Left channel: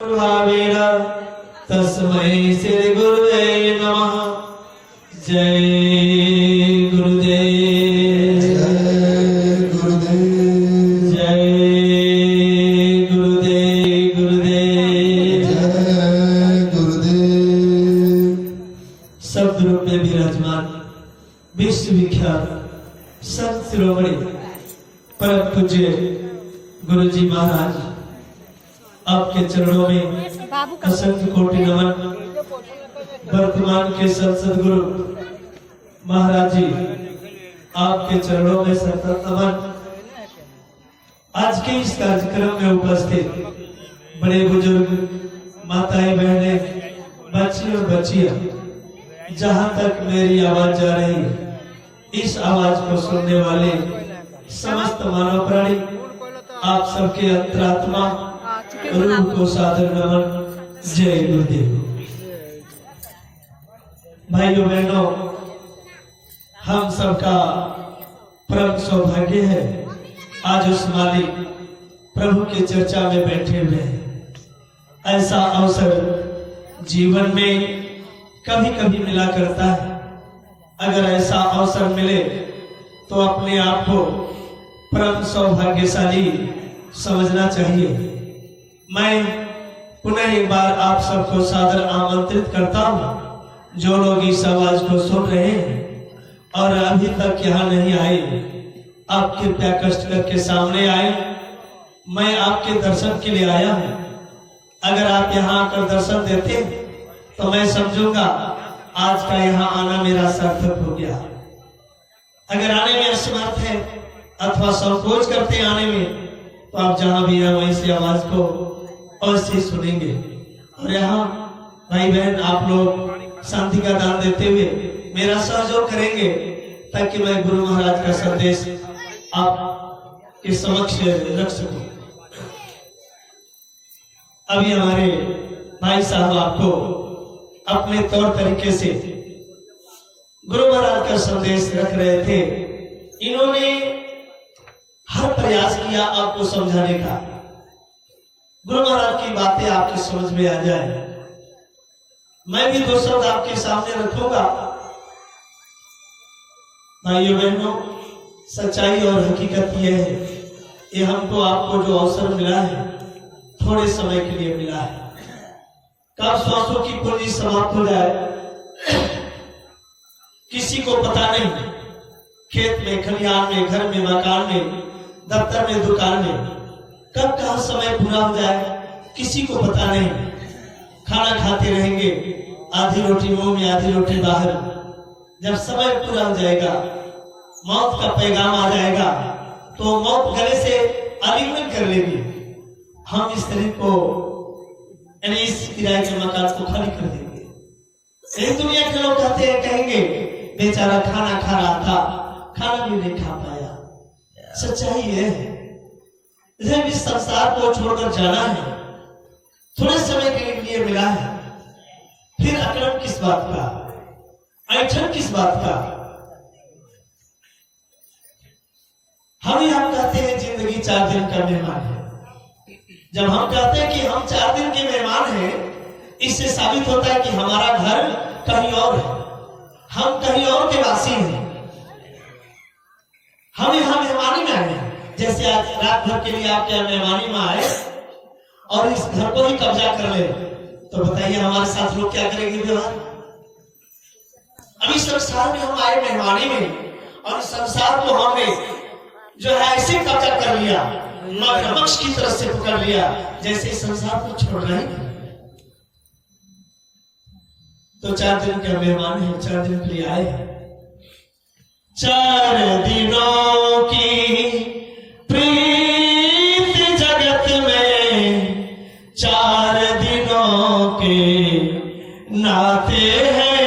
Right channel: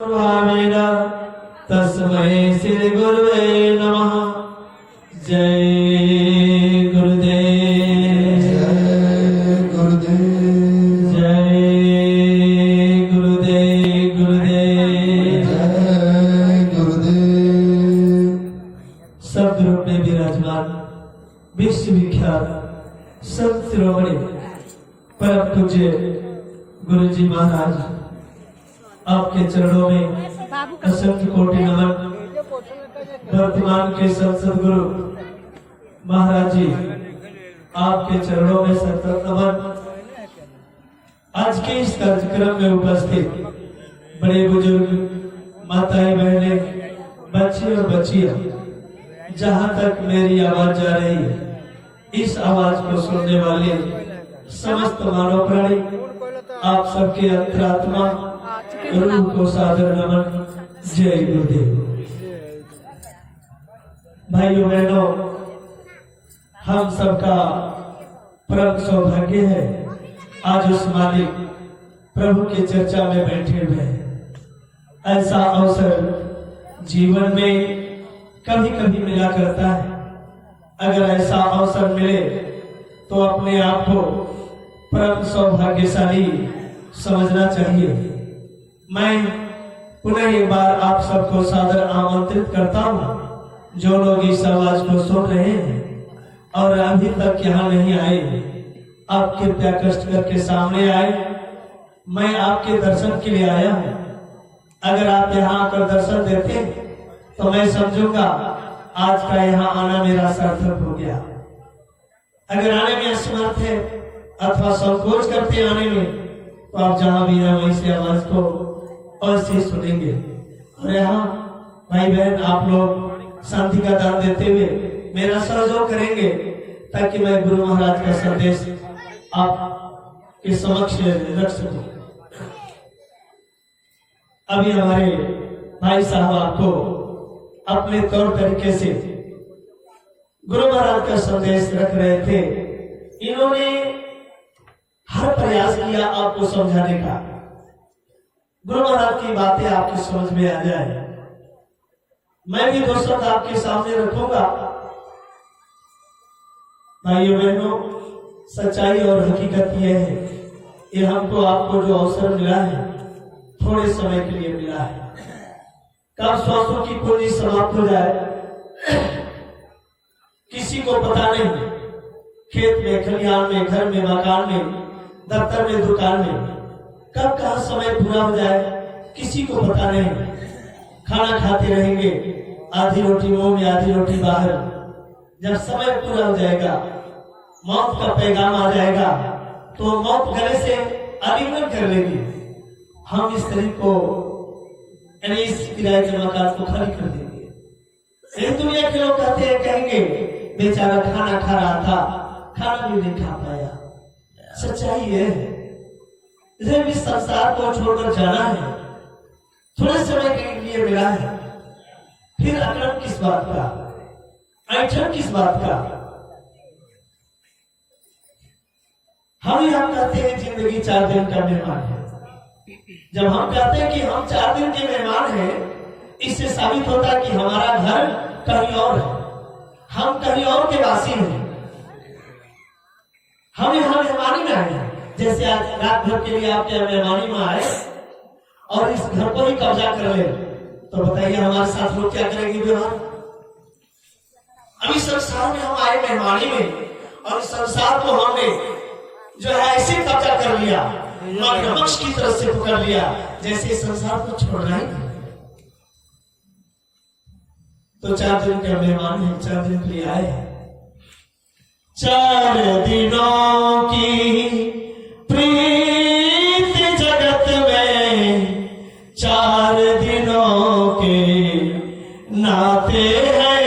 भावेन तस्मै श्री गुरुवे नमः। जय गुरुदेव, जय गुरुदेव, जय गुरुदेव, गुरुदेव। जय गुरुदेव। शब्द रूप में विराजमान विश्व विख्यात संत शिरोमणि परम पूज्य गुरु जी महाराज, आपके चरणों में असंख्य कोटि नमन। वर्तमान के संसद गुरु महाराज जी, आपके चरणों में सतत नमन। आज के इस कार्यक्रम में उपस्थित बड़े बुजुर्ग, माताएं, बहनें, बच्चे और बच्चियां, जहां तक मेरी आवाज जा रही है, इस आवाज को सुनने वाले समस्त मानव प्राणी, आप सबके अंतरात्मा रूह को सादर नमन। जय गुरुदेव। भाइयों बहनों, हम सबका परम सौभाग्य है आज उस मालिक प्रभु की चर्चा में बैठे हुए हैं। ऐसा अवसर जीवन में कभी कभी मिला करता है। अगर ऐसा अवसर मिले तो अपने आप को परम सौभाग्यशाली समझना चाहिए। मैं पुनः एक बार आप सबको सादर आमंत्रित करता हूँ, जो लोग इस आवाज को सुन रहे हैं और अभी तक यहाँ नहीं आए, आप कृपया कष्ट करके सामने आए। मैं आपके दर्शन के लिए आया हूँ। अगर आप यहाँ आकर दर्शन देते हैं तो मैं समझूंगा आज का यहाँ आना मेरा सार्थक हो गया। अगर आने में असमर्थ है अथवा संकोच करते आने में, तो आप जहां भी हैं वहीं से आवाज को अवश्य सुनेंगे। और यहाँ भाई बहन, आप लोग शांति का दान देते हुए मेरा सहयोग करेंगे, ताकि मैं गुरु महाराज का संदेश आप के समक्ष रख सकूं। अभी हमारे भाई साहब आपको अपने तौर तरीके से गुरु महाराज का संदेश रख रहे थे। इन्होंने हर प्रयास किया आपको समझाने का, गुरु महाराज की बातें आपकी समझ में आ जाए। मैं भी दो शब्द आपके सामने रखूंगा। भाइयों बहनों, सच्चाई और हकीकत यह है, ये हमको आपको जो अवसर मिला है थोड़े समय के लिए मिला है। कब श्वासों की पूंजी समाप्त हो जाए किसी को पता नहीं। खेत में, खलिहान में, घर में, मकान में, दफ्तर में, दुकान में, कब कहाँ समय पूरा हो जाए किसी को पता नहीं। खाना खाते रहेंगे, आधी रोटी मुंह में, आधी रोटी बाहर। जब समय पूरा हो जाएगा, मौत का पैगाम आ जाएगा, तो मौत गले से आलिंगन कर लेगी। हम इस शरीर को, यानी इस किराए के मकान को खाली कर देंगे। यही दुनिया के लोग कहते हैं, कहेंगे बेचारा खाना खा रहा था, खाना भी नहीं खा पाया। सच्चाई है, जब इस संसार को छोड़कर जाना है, थोड़े समय के लिए मिला है, फिर अक्रम किस बात का, ऐठन किस बात का। हम यहाँ कहते हैं जिंदगी 4 दिन का मेहमान है। जब हम कहते हैं कि हम 4 दिन के मेहमान हैं, इससे साबित होता है कि हमारा घर कहीं और है, हम कहीं और के वासी हैं। हम यहाँ मेहमानी में आए हैं। जैसे आज रात भर के लिए आपके मेहमानी में आए और इस घर को ही कब्जा कर ले, तो बताइए हमारे साथ लोग क्या करेंगे व्यवहार। अभी संसार में हम आए मेहमानी में, और इस संसार को हमने जो है ऐसे कब्जा कर लिया, मगरमच्छ की तरह से पकड़ लिया, जैसे संसार को छोड़ना ही नहीं। तो 4 दिन के मेहमान है, 4 दिन के लिए आए हैं। 4 दिनों की प्रीत जगत में, 4 दिनों के नाते हैं।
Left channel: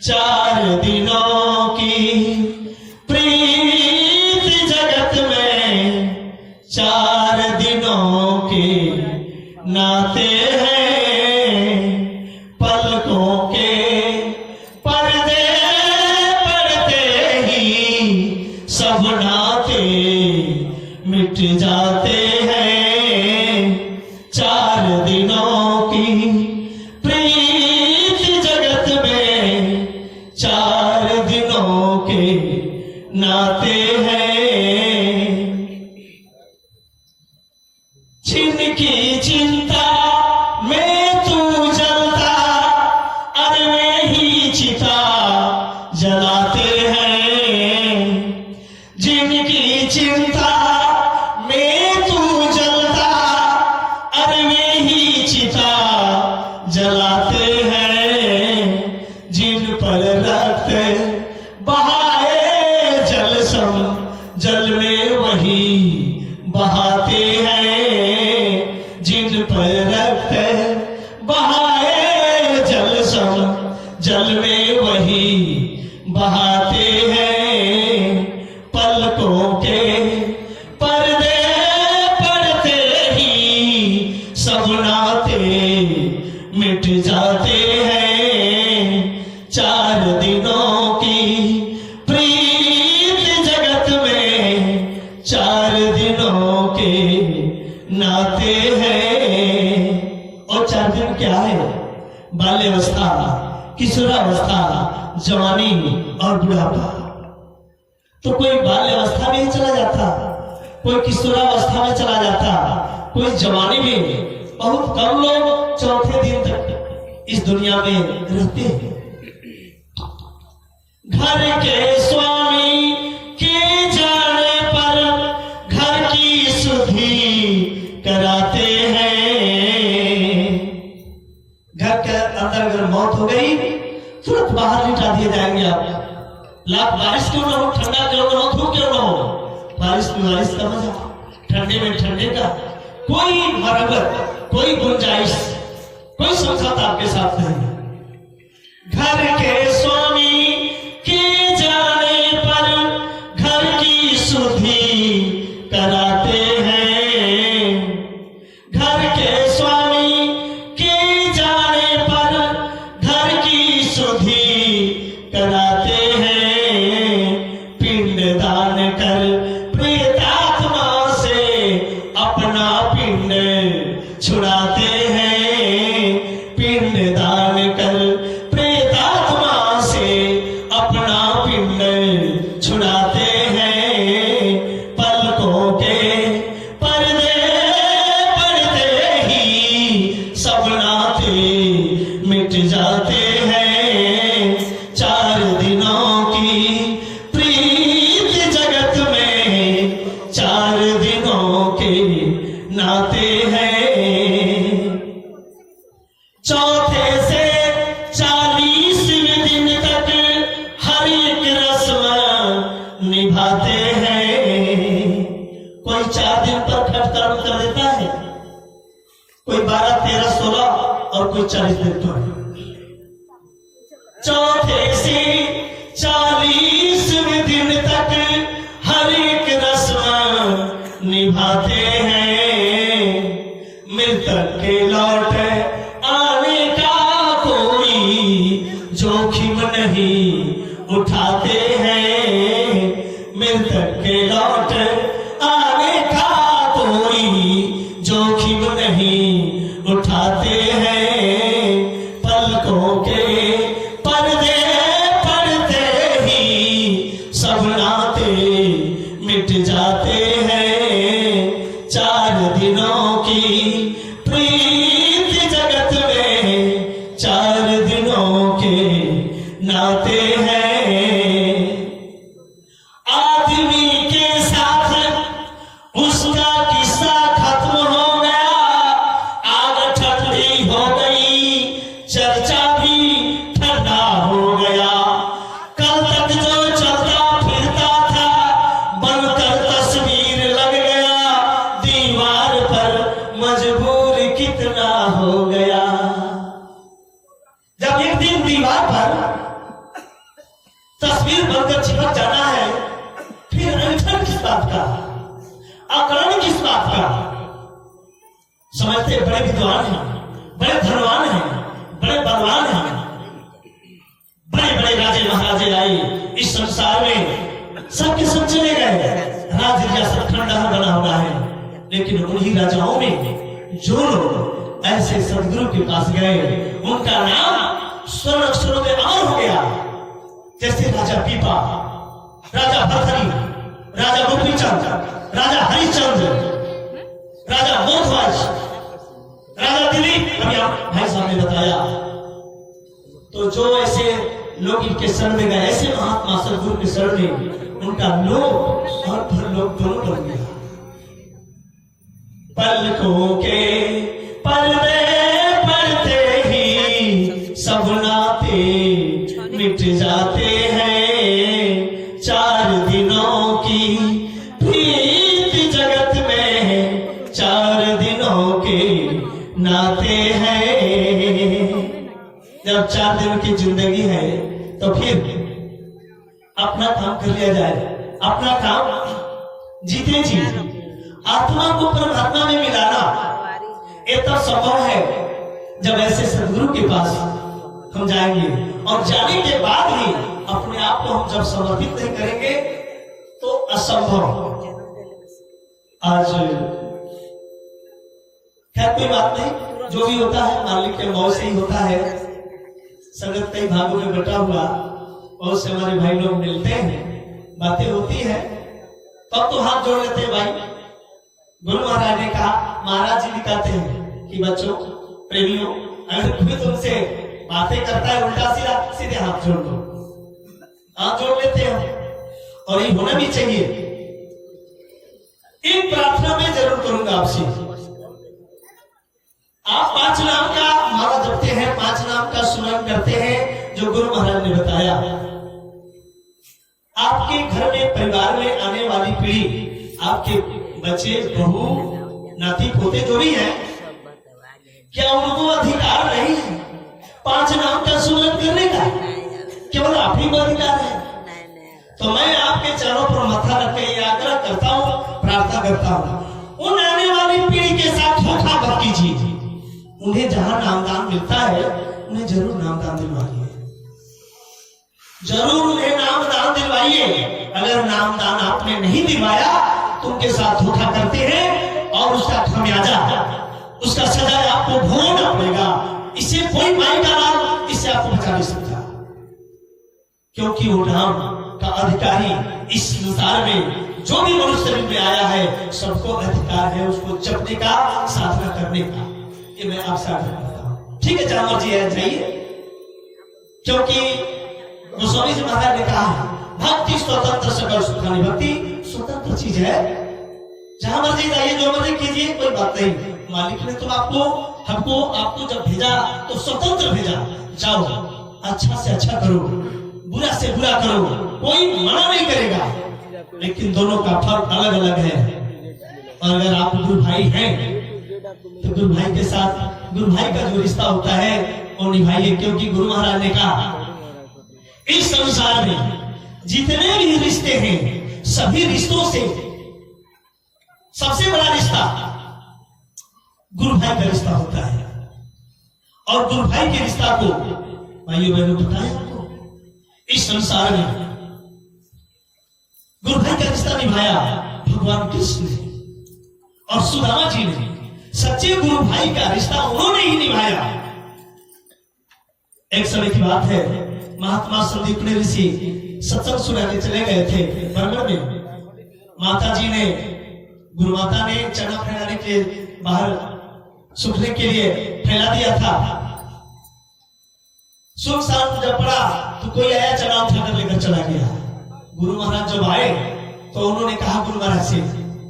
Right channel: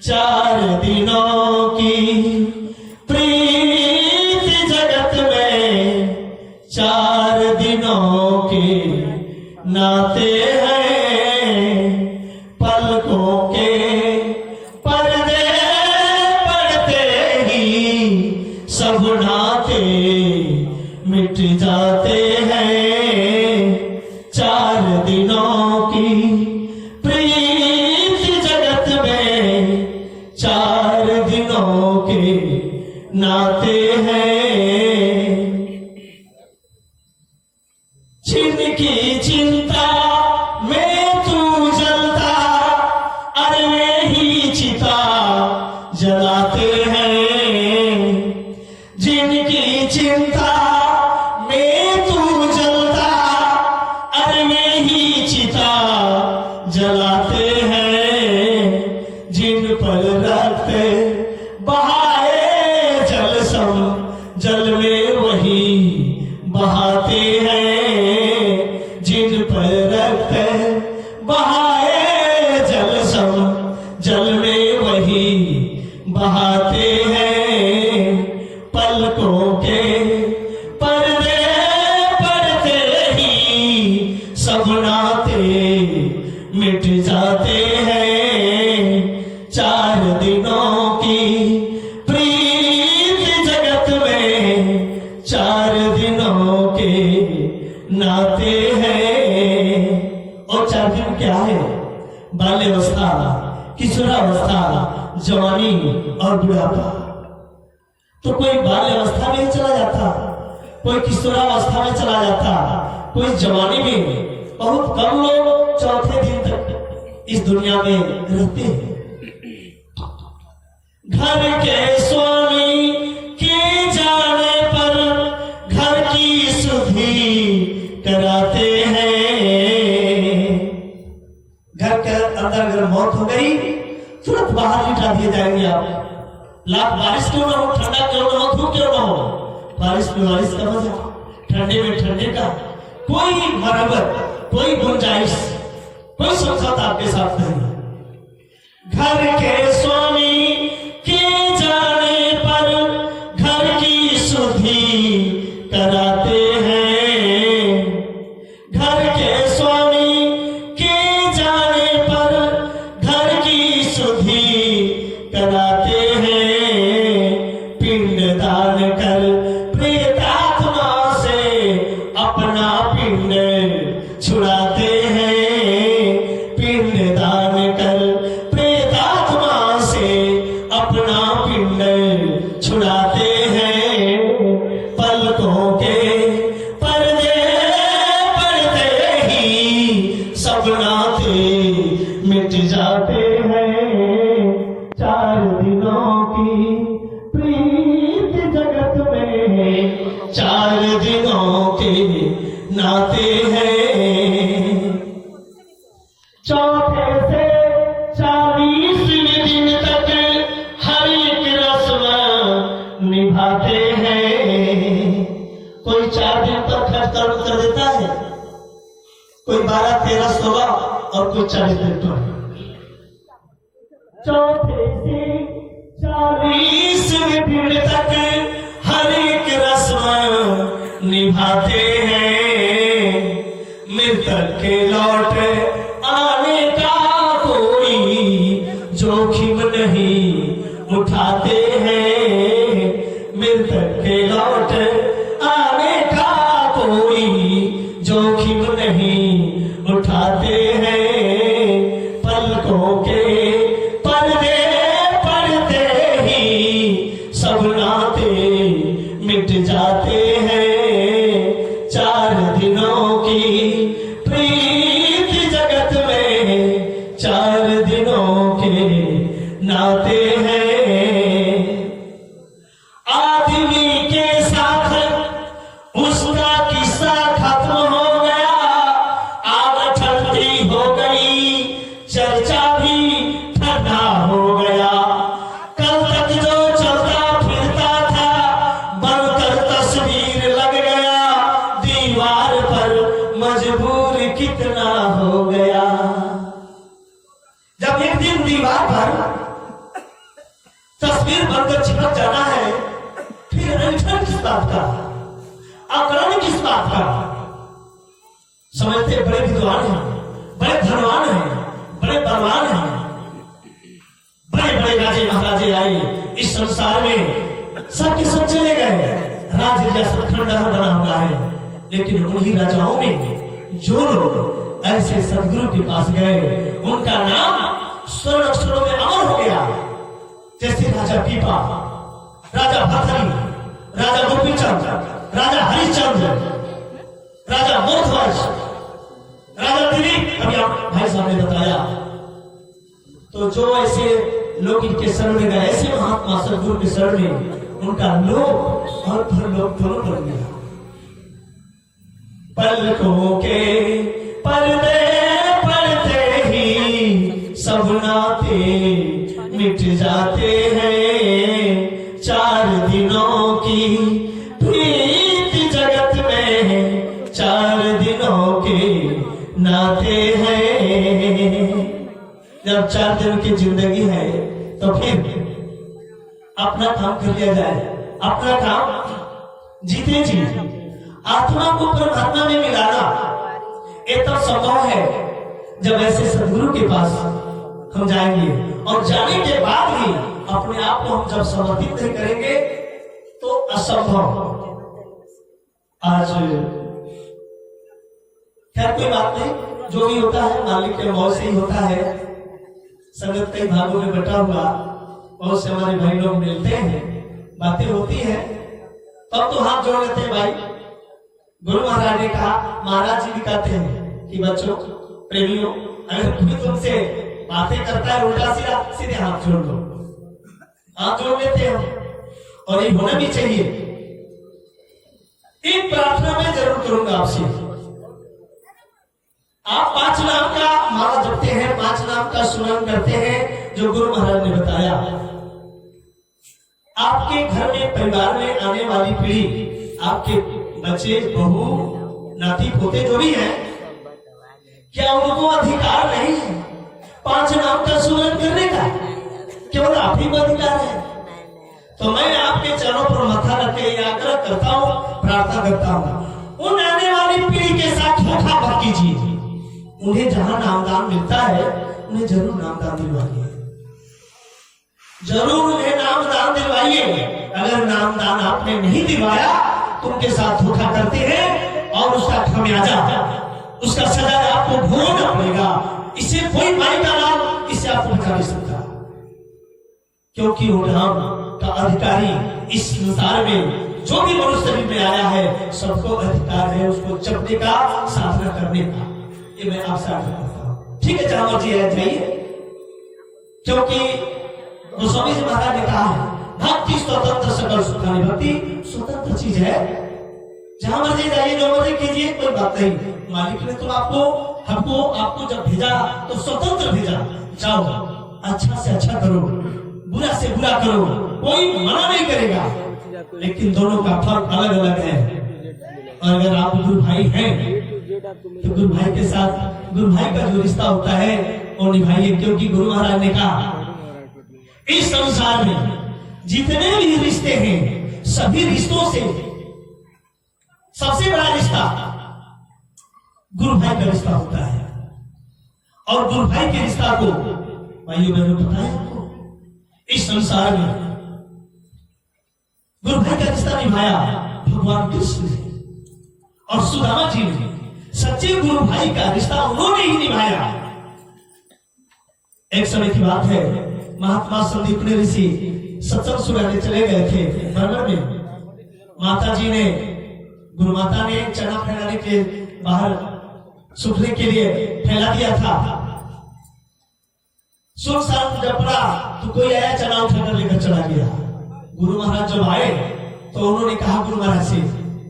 4 दिनों की प्रीत जगत में, 4 दिनों के नाते हैं। पलकों के पर्दे पड़ते ही सब नाते मिट जाते हैं। जिनकी चिंता में तू जलता, अरे वे ही चिता जलाते हैं। जिनकी चिंता में तू जलता, अरे वे ही चिता जलाते हैं। जिन पर रक्त बहाए जल सम, जल में वही बहाते हैं। जिन पर रक्त बहाए जल सम, जल में वही बहाते हैं। पलकों के पर्दे पड़ते ही सब नाते मिट जाते हैं। 4 दिनों की प्रीत जगत में 4 दिनों के नाते हैं। और 4 दिन क्या है? बाल्यावस्था, किशोरावस्था, जवानी और बुढ़ापा। तो कोई बाल्यावस्था में चला जाता, कोई किशोरावस्था में चला जाता, कोई जवानी में। बहुत कम लोग चौथे दिन तक इस दुनिया में रहते हैं। घर के स्वामी के जाने पर घर की सुधि कराते हैं। घर के अंदर अगर मौत हो गई तुरंत बाहर निकाल दिए जाएंगे। आप लाख बारिश क्यों ना हो, ठंडा क्यों ना हो, धूप क्यों ना हो, बारिश में बारिश का मजा, ठंडे में ठंडे का। कोई मरम्मत, कोई गुंजाइश, कोई समझौता आपके साथ नहीं। घर के स्वामी के जाने पर घर की सुधि कराते हैं। घर के स्वामी के जाने पर घर की सुधि कराते हैं। पिंडदान कर प्रेतात्मा से अपना पिंड छुड़ाते हैं। पिंडदान कर प्रेतात्मा से अपना पिंड छुड़ाते हैं। पलकों के पर्दे पड़ते ही सब नाते मिट जाते हैं। 4 दिनों की प्रीत जगत में 4 दिनों के नाते हैं। चौथे से 40वें दिन तक हर एक रस्म निभाते हैं। कोई 4 दिन पर कर्म कर देता है, कोई 12, 13, 16 और कोई 40 दिन पर। चौथे से 40वें दिन तक हर एक रस्म निभाते हैं। मृतक के लौट आने का कोई जोखिम नहीं उठाते हैं। मृतक के लौट आने का कोई जोखिम नहीं उठाते हैं। पलकों के पर्दे पड़ते ही सब नाते मिट जाते हैं। 4 दिनों की प्रीत जगत में 4 दिनों के नाते हैं। आदमी के साथ उसका किस्सा खत्म हो गया, आग ठंडी हो गई, चर्चा भी ठंडा हो गया। कल तक जो चलता फिरता था बनकर तस्वीर लग गया, दीवार पर मजबूर कितना हो गया। जब एक दिन दीवार पर तस्वीर बनकर चिपक जाना है, फिर अनशन किस बात का, आकलन किस बात का। समझते बड़े विद्वान हैं, बड़े धनवान हैं, बड़े बलवान हैं, बड़े बड़े राजे महाराजे आए इस संसार में, सबके सब चले गए। राज रियासत खंडहर बना हुआ है, लेकिन उन्हीं राजाओं में जो लोग ऐसे सदगुरु के पास गए, उनका नाम स्वर्ण अक्षरों में अमर हो गया। जैसे राजा पीपा, राजा भरथरी, राजा गोपीचंद, राजा हरिश्चंद्र, राजा मोहनराज, लोग इनके शरण में गए। ऐसे महात्मा सदगुरु के शरण में उनका लोक और परलोक दोनों बन गया। पलकों के पर्दे पड़ते ही सब नाते मिट जाते हैं। 4 दिनों की प्रीत जगत में 4 दिनों के नाते हैं। जब 4 दिन की जिंदगी है तो फिर अपना काम कर लिया जाए। अपना काम जीते जी आत्मा को परमात्मा में मिलाना ये तब संभव है जब ऐसे सदगुरु के पास हम जाएंगे, और जाने के बाद ही अपने आप को हम जब समर्पित नहीं करेंगे तो असंभव। आज खैर कोई बात नहीं, जो भी होता है मालिक के मौज से ही होता है। संगत कई भागों में बटा हुआ, बहुत से हमारे भाई लोग मिलते हैं, बातें होती हैं, तब तो हाथ जोड़ लेते हैं। भाई गुरु महाराज ने कहा, महाराज जी भी कहते हैं कि बच्चों प्रेमियों, अगर कोई तुमसे बातें करता है उल्टा सीधे हाथ जोड़ लो। हाथ जोड़ लेते हैं और ये होना भी चाहिए। एक प्रार्थना मैं जरूर करूंगा आपसे। आप 5 नाम का माला जपते हैं, 5 नाम का स्मरण करते हैं जो गुरु महाराज ने बताया। आपके घर में परिवार में आने वाली पीढ़ी, आपके बच्चे बहू नाती पोते जो भी हैं, क्या उनको अधिकार नहीं है 5 नाम का स्मरण करने का? केवल आप ही को अधिकार है। तो मैं आपके चरणों पर माथा रख के आग्रह करता हूँ, प्रार्थना करता हूँ, उन आने वाली पीढ़ी के साथ धोखा मत कीजिए। उन्हें जहां नामदान मिलता है उन्हें जरूर नामदान दिलवाइए, जरूर उन्हें नामदान दिलवाइए। अगर नामदान आपने नहीं दिलवाया तो उनके साथ धोखा करते हैं और उसका खमियाजा, उसका सजा आपको भोगना पड़ेगा। इससे कोई माई का नाम इससे आपको बचा नहीं सकता, क्योंकि वो नाम का अधिकारी इस संसार में जो भी मनुष्य में आया है सबको अधिकार है उसको जपने का, साधना करने का। ये मैं आपसे आग्रह करता हूं। ठीक है, जहां मर्जी है जाइए, क्योंकि गोस्वामी जी महाराज ने कहा है भक्ति स्वतंत्र सकल सुखानी। भक्ति स्वतंत्र चीज है, जहां मर्जी जाइए, जो मर्जी कीजिए, कोई बात नहीं। मालिक ने तो आपको जब भेजा तो स्वतंत्र भेजा। जाओ, अच्छा से अच्छा करो, बुरा से बुरा करो, कोई मना नहीं करेगा, लेकिन दोनों का फर्क अलग अलग है। और अगर आप गुरु भाई हैं तो गुरु भाई के साथ, गुरु भाई का जो रिश्ता होता है वो निभाइए, क्योंकि गुरु महाराज ने कहा इस संसार में जितने भी रिश्ते हैं सभी रिश्तों से सबसे बड़ा रिश्ता गुरु भाई का रिश्ता होता है। और गुरु भाई के रिश्ता को भाइयों बहनों बताया आपको, इस संसार में गुरु भाई का रिश्ता निभाया भगवान कृष्ण ने और सुदामा जी ने। सच्चे गुरु भाई का रिश्ता उन्होंने ही निभाया। एक समय की बात है, महात्मा संदीपनी ऋषि सत्संग सुनाने चले गए थे बरबर में। माता जी ने, गुरु माता ने चना फैलाने के बाहर सूखने के लिए फैला दिया था। सुनसान जब पड़ा तो कोई आया, चना उठाकर लेकर चला गया। गुरु महाराज जब आए तो उन्होंने कहा गुरु महाराज से,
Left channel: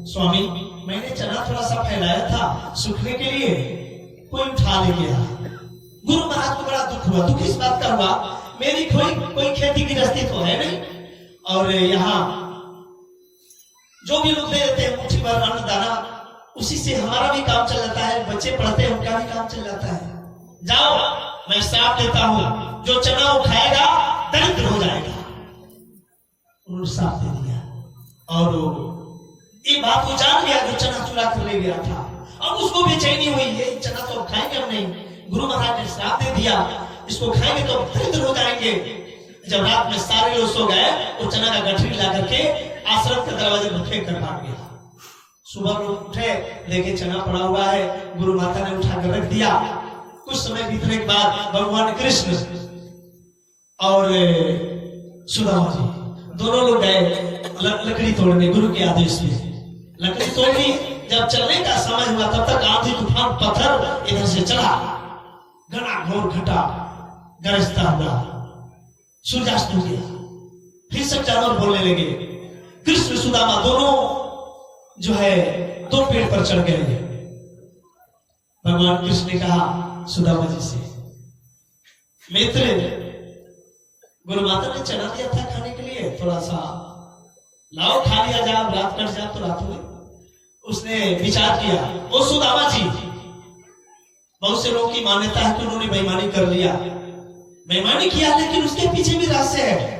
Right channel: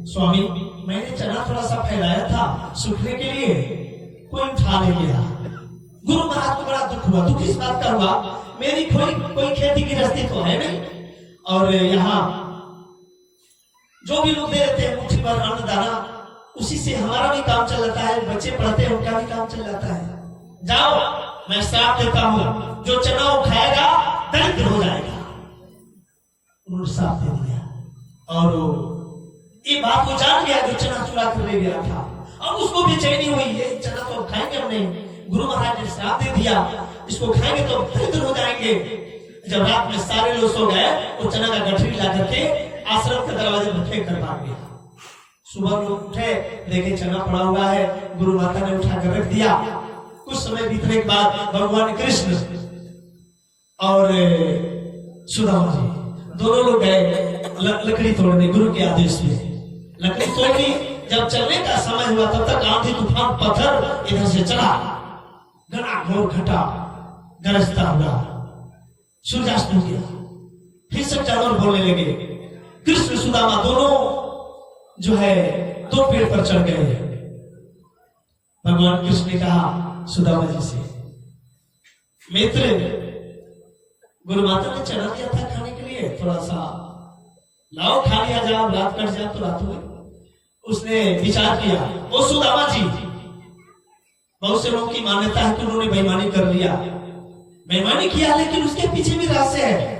स्वामी मैंने चना थोड़ा सा फैलाया था सूखने के लिए, कोई उठा ले गया। गुरु महाराज को बड़ा दुख हुआ। दुख इस बात का हुआ, मेरी कोई खेती गृहस्थी तो है नहीं, और यहाँ जो भी लोग दे देते हैं मुट्ठी भर अन्न दाना, उसी से हमारा भी काम चल जाता है, बच्चे पढ़ते हैं उनका भी काम चल जाता है। जाओ, मैं श्राप देता हूं, जो चना वो खाएगा दरिद्र हो जाएगा। उन्होंने श्राप दे दिया, और ये बात को जान गया जो चना चुरा कर ले गया था, और उसको बेचैनी हुई, ये चना तो खाएंगे हम नहीं, गुरु महाराज ने श्राप दे दिया, इसको खाएंगे तो दरिद्र हो जाएंगे। जब रात में सारे लोग सो गए, वो चना का गठरी ला करके आश्रम के दरवाजे पर फेंक कर भाग गया। सुबह लोग उठे, देखे चना पड़ा हुआ है, गुरु माता ने उठाकर रख दिया। कुछ समय बीतने के बाद भगवान कृष्ण और सुदामा जी दोनों लोग गए लकड़ी तोड़ने, गुरु के आदेश पे लकड़ी तोड़नी। जब चलने का समय हुआ तब तक आंधी तूफान पत्थर इधर से चला, घना घोर घटा गरजता हुआ। सूर्यास्त हो गया। फिर सब जानवर बोलने लगे। कृष्ण सुदामा दोनों जो है दो पेड़ पर चढ़ गए। भगवान कृष्ण ने कहा सुदामा जी से, मित्र, गुरु माता ने चढ़ा दिया था खाने के लिए, थोड़ा सा लाओ खा लिया जाओ, रात कट जाओ तो रात में। उसने विचार किया, ओ सुदामा जी, बहुत से लोगों की मान्यता है कि उन्होंने बेईमानी कर लिया, बेईमानी किया, लेकिन उसके पीछे भी रहस्य है।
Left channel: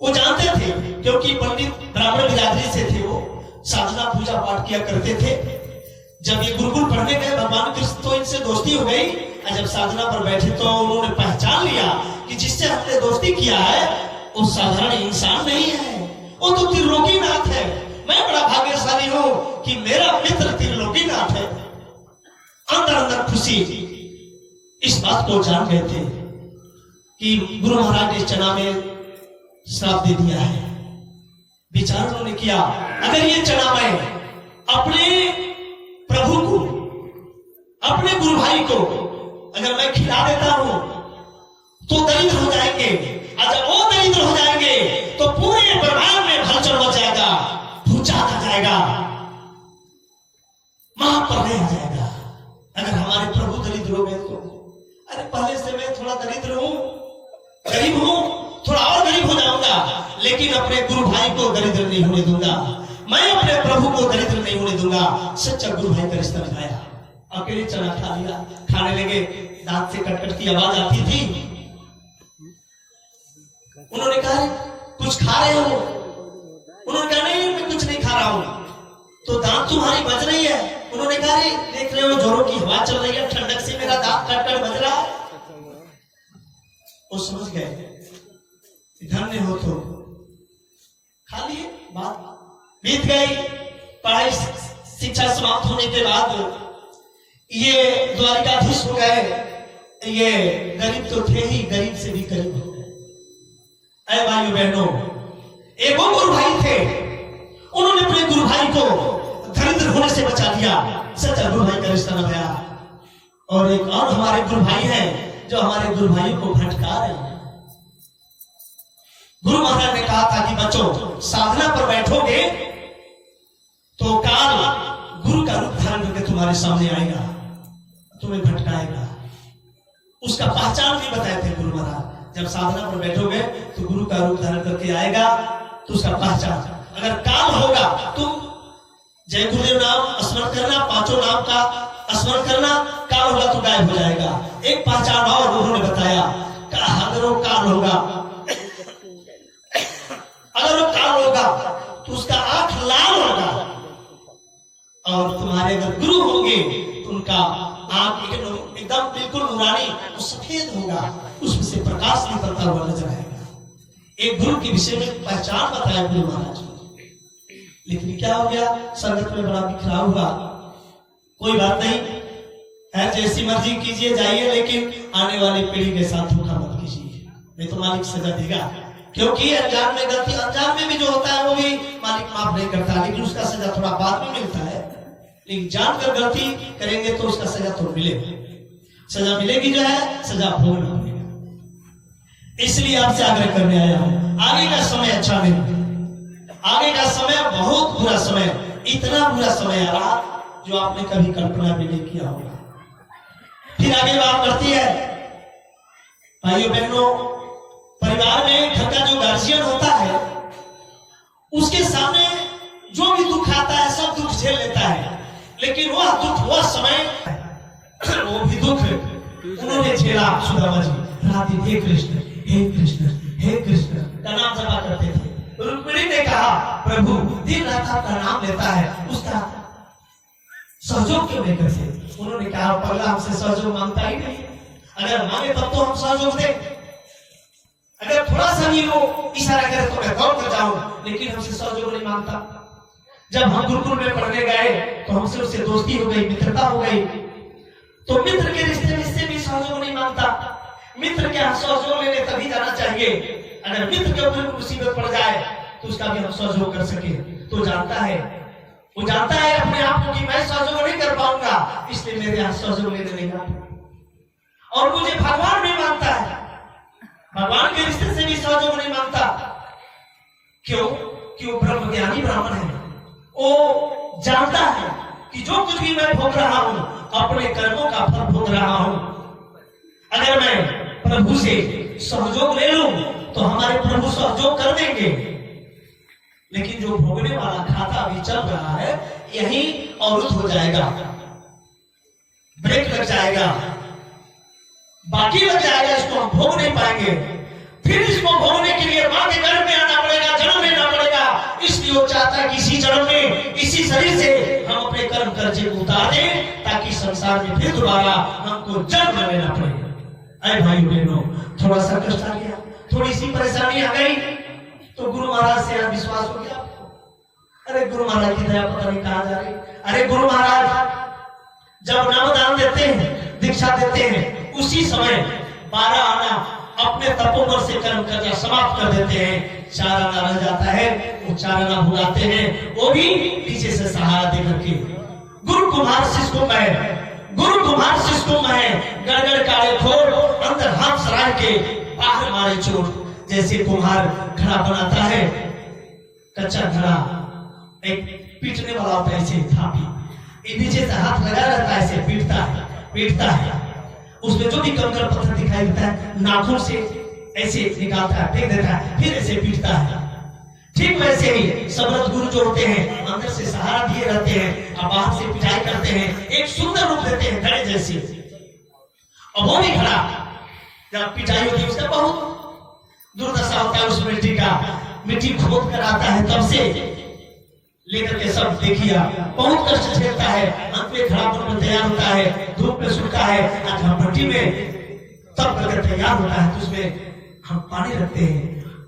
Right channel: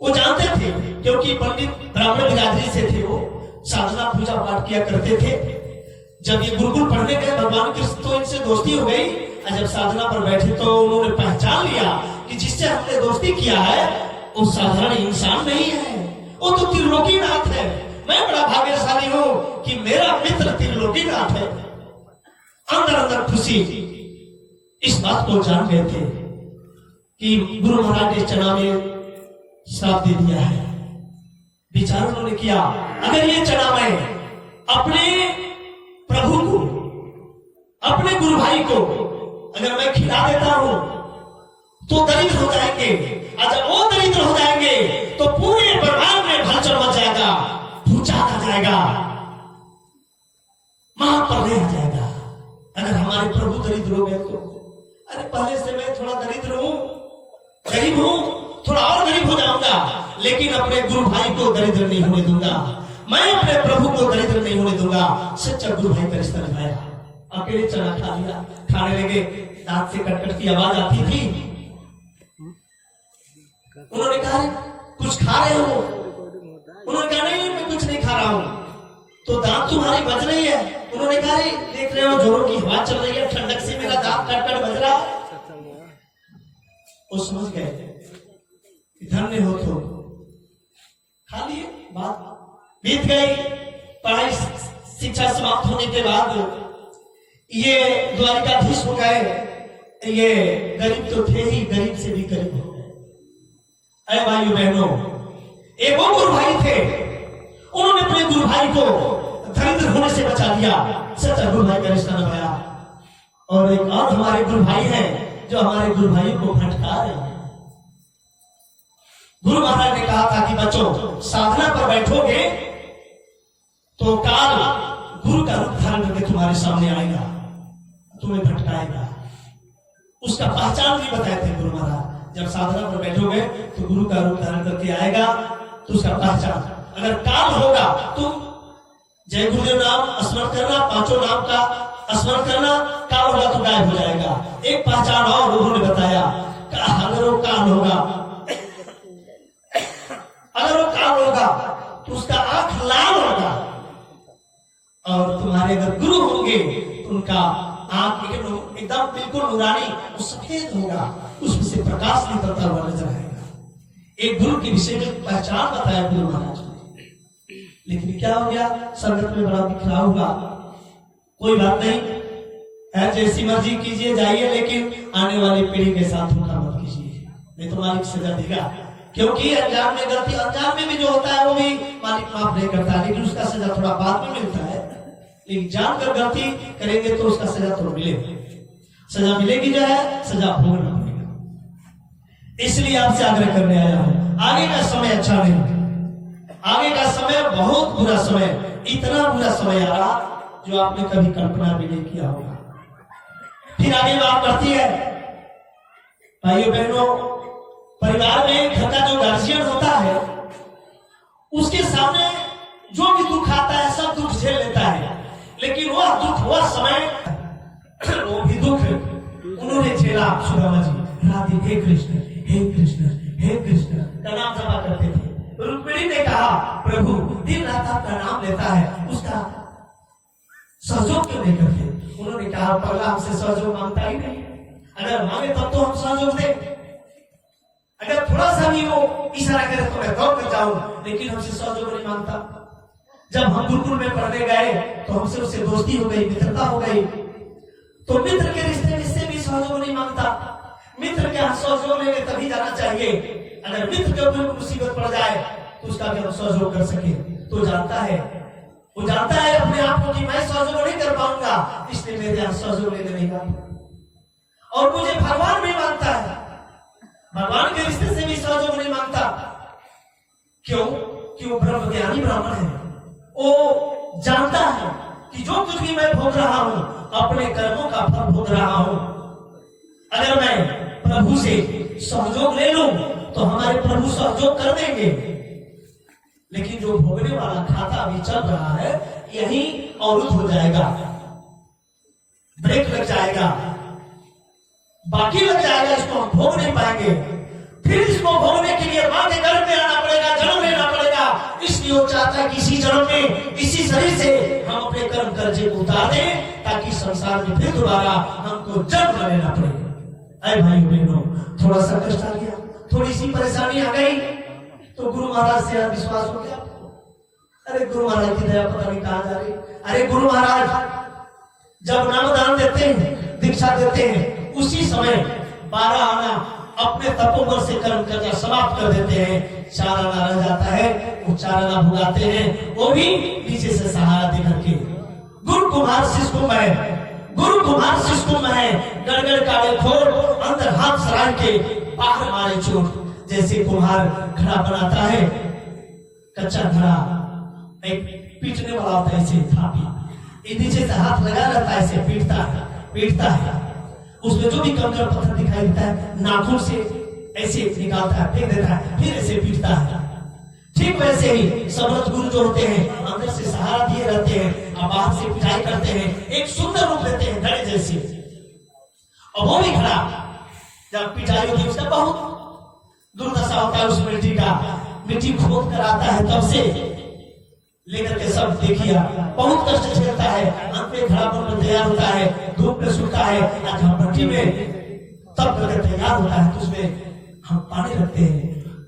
वो जानते थे, क्योंकि पंडित ब्राह्मण बिरादरी से थे, वो साधना पूजा पाठ किया करते थे। जब ये गुरुकुल पढ़ने गए भगवान कृष्ण तो इनसे दोस्ती हो गई, और जब साधना पर बैठे तो उन्होंने पहचान लिया कि जिससे हमने दोस्ती किया है वो साधारण इंसान नहीं है, वो तो त्रिलोकीनाथ है। मैं बड़ा भाग्यशाली हूं कि मेरा मित्र त्रिलोकीनाथ है। अंदर अंदर खुशी इस बात को जान गए थे कि गुरु महाराज ने चना में श्राप दे दिया है। विचार उन्होंने किया, अगर ये चना मैं अपने प्रभु को, अपने गुरु भाई को अगर मैं खिला देता हूं तो दरिद्र हो जाएंगे, और जब वो दरिद्र हो जाएंगे तो पूरे ब्रह्मांड में हलचल मच जाएगा, भूचाल आ जाएगा, महाप्रलय आ जाएगा। अगर हमारे प्रभु दरिद्र हो गए तो, अरे पहले से मैं थोड़ा दरिद्र हूं, गरीब हूं, थोड़ा और गरीब हो जाऊंगा, लेकिन अपने गुरु भाई को दरिद्र नहीं होने दूंगा, मैं अपने प्रभु को दरिद्र नहीं होने दूंगा। सच्चा गुरु भाई का रिश्ता निभाया, अकेले चना खा लिया। खाने लगे, दांत से कटकट की आवाज आती थी। उन्होंने कहा, कुछ खा रहे हो? उन्होंने कहा, नहीं मैं कुछ नहीं खा रहा हूं। तो दांत तुम्हारी बज रही है? उन्होंने कहा, देख रहे हो जोरों की हवा चल रही है, ठंडक से मेरा दांत कटकट बज रहा है। वो समझ गए, धन्य हो तो खा लिए। बात बीत गई। पढ़ाई शिक्षा समाप्त होने के बाद ये द्वारिकाधीश हो गए। ये गरीब तो थे ही, गरीब से भी गरीब हो गए। अरे भाइयों बहनों, एक वो गुरु भाई थे, उन्होंने अपने गुरु भाई को दरिद्र होने से बचा दिया। सच्चा गुरु भाई का रिश्ता निभाया। और एक और हमारे गुरु भाई हैं जो हमारे गुरु भाई को भटका रहे हैं। गुरु महाराज ने कहा था कि बच्चों, साधना पर बैठोगे तो काल गुरु का रूप धारण करके तुम्हारे सामने आएगा, तुम्हें भटकाएगा। उसका पहचान भी बताए थे गुरु महाराज। जब साधना पर बैठोगे तो गुरु का रूप धारण करके आएगा, तो उसका पहचान। अगर काल होगा तुम जय गुरुदेव नाम स्मरण करना, पांचों नाम का स्मरण करना, काल होगा तो गायब हो जाएगा। एक पहचान और उन्होंने बताया, अगर वो काल होगा, अगर वो काल होगा तो उसका आंख लाल होगा, और तुम्हारे अगर गुरु होंगे तो उनका आंख एकदम बिल्कुल नूरानी, वो सफेद होगा, उसमें से प्रकाश निकलता हुआ नजर आएगा। एक गुरु के विषय में पहचान बताया गुरु महाराज ने। लेकिन क्या हो गया, संगत में बड़ा बिखराव हुआ। कोई बात नहीं है, जैसी मर्जी कीजिए जाइए, लेकिन आने वाली पीढ़ी के साथ धोखा मत कीजिए, नहीं तो मालिक सजा देगा। क्योंकि अनजान में गलती, अनजान में भी जो होता है वो भी मालिक माफ नहीं करता, लेकिन उसका सजा थोड़ा बाद में मिलता है। लेकिन जानकर गलती करेंगे तो उसका सजा तो मिलेगा, सजा मिलेगी, जो है सजा भोगना पड़ेगा। इसलिए आपसे आग्रह करने आया हूं, आगे का समय अच्छा नहीं, आगे का समय बहुत बुरा समय, इतना बुरा समय आ रहा जो आपने कभी कल्पना भी नहीं किया होगा। फिर आगे बात बढ़ती है, भाइयों बहनों, परिवार में घर का जो गार्जियन होता है उसके सामने जो भी दुख आता है सब दुख झेल लेता है, लेकिन वह दुख, वह समय, वो भी दुख उन्होंने झेला। सुदामा जी रात दिन हे कृष्ण हे कृष्ण हे कृष्ण का नाम जपा करते थे। रुक्मिणी ने कहा, प्रभु दिन रात आपका नाम लेता है, उसका सहयोग क्यों नहीं करते? उन्होंने कहा, पगला हमसे सहयोग मांगता ही नहीं, अगर मांगे तब तो हम सहयोग दें, अगर थोड़ा सा भी वो इशारा करे तो मैं दौड़ कर जाऊं, लेकिन हमसे सहयोग नहीं मांगता। जब हम गुरुकुल में पढ़ने गए तो हमसे उससे दोस्ती हो गई, मित्रता हो गई, तो मित्र के रिश्ते में इससे भी सहयोग नहीं मांगता। मित्र के यहाँ सहयोग लेने तभी जाना चाहिए, अगर मित्र के ऊपर मुसीबत पड़ जाए तो उसका भी हम सहयोग कर सके। तो जानता है, वो जानता है अपने आप को कि मैं सहयोग नहीं कर पाऊंगा, इसलिए मेरे यहाँ सहयोग लेने नहीं आता, और मुझे भगवान भी मानता है। भगवान के रिश्ते से भी सहयोग नहीं मांगता। क्यों? कि वो ब्रह्म ज्ञानी ब्राह्मण है। वो जानता है कि जो कुछ भी मैं भोग रहा हूं अपने कर्मों का फल भोग रहा हूं। अगर मैं प्रभु से सहयोग ले लूं तो हमारे प्रभु सहयोग कर देंगे, लेकिन जो भोगने वाला खाता अभी चल रहा है यही अवरुद्ध हो जाएगा, ब्रेक लग जाएगा, बाकी लग जाएगा, इसको हम भोग नहीं पाएंगे। फिर इसको भोगने के लिए मां के गर्भ में आना पड़ेगा, जन्म लेना पड़ेगा। इसलिए वो चाहता है कि इसी जन्म में इसी शरीर से हम अपने कर्म कर्जे को उतार दें, ताकि संसार में फिर दोबारा हमको जन्म लेना पड़े। अरे भाई बहनों, थोड़ा सा कष्ट आ गया, थोड़ी सी परेशानी आ गई तो गुरु महाराज से विश्वास हो गया। अरे गुरु महाराज की दया पता नहीं कहां जा रही। अरे गुरु महाराज जब नामदान देते हैं, दीक्षा देते हैं, उसी समय 12 आना अपने तपोबल से कर्म कर्जा समाप्त कर देते हैं। 4 आना रह जाता है, वो 4 आना भुगाते हैं, वो भी पीछे से सहारा दे करके। गुरु कुम्हार शिष्य को मैं, गुरु कुम्हार शिष्य को मैं, गड़गड़ काले खोर अंदर हाथ सराय के बाहर मारे चोट। जैसे कुम्हार घड़ा बनाता है, कच्चा घड़ा, एक पीटने वाला होता है ऐसे थापी, नीचे से हाथ लगा रहता है, ऐसे पीटता है, उसमें जो भी कंकड़ पत्थर दिखाई देता है नाखून से ऐसे निकालता है, फेंक देता है, फिर ऐसे पीटता है। ठीक वैसे ही समर्थ गुरु जो होते हैं अंदर से सहारा दिए रहते हैं और बाहर से पिटाई करते हैं, एक सुंदर रूप देते हैं घड़े जैसे। और वो भी घड़ा जब पिटाई होती है उसका बहुत दुर्दशा होता है, उस मिट्टी का, मिट्टी खोद कर आता है, तब से लेकर के सब देखिए बहुत कष्ट झेलता है। अंत में घड़ा बनकर तैयार होता है, धूप में सूखता है, भट्टी में तब करके तैयार होता है, तो उसमें हम पानी रखते हैं,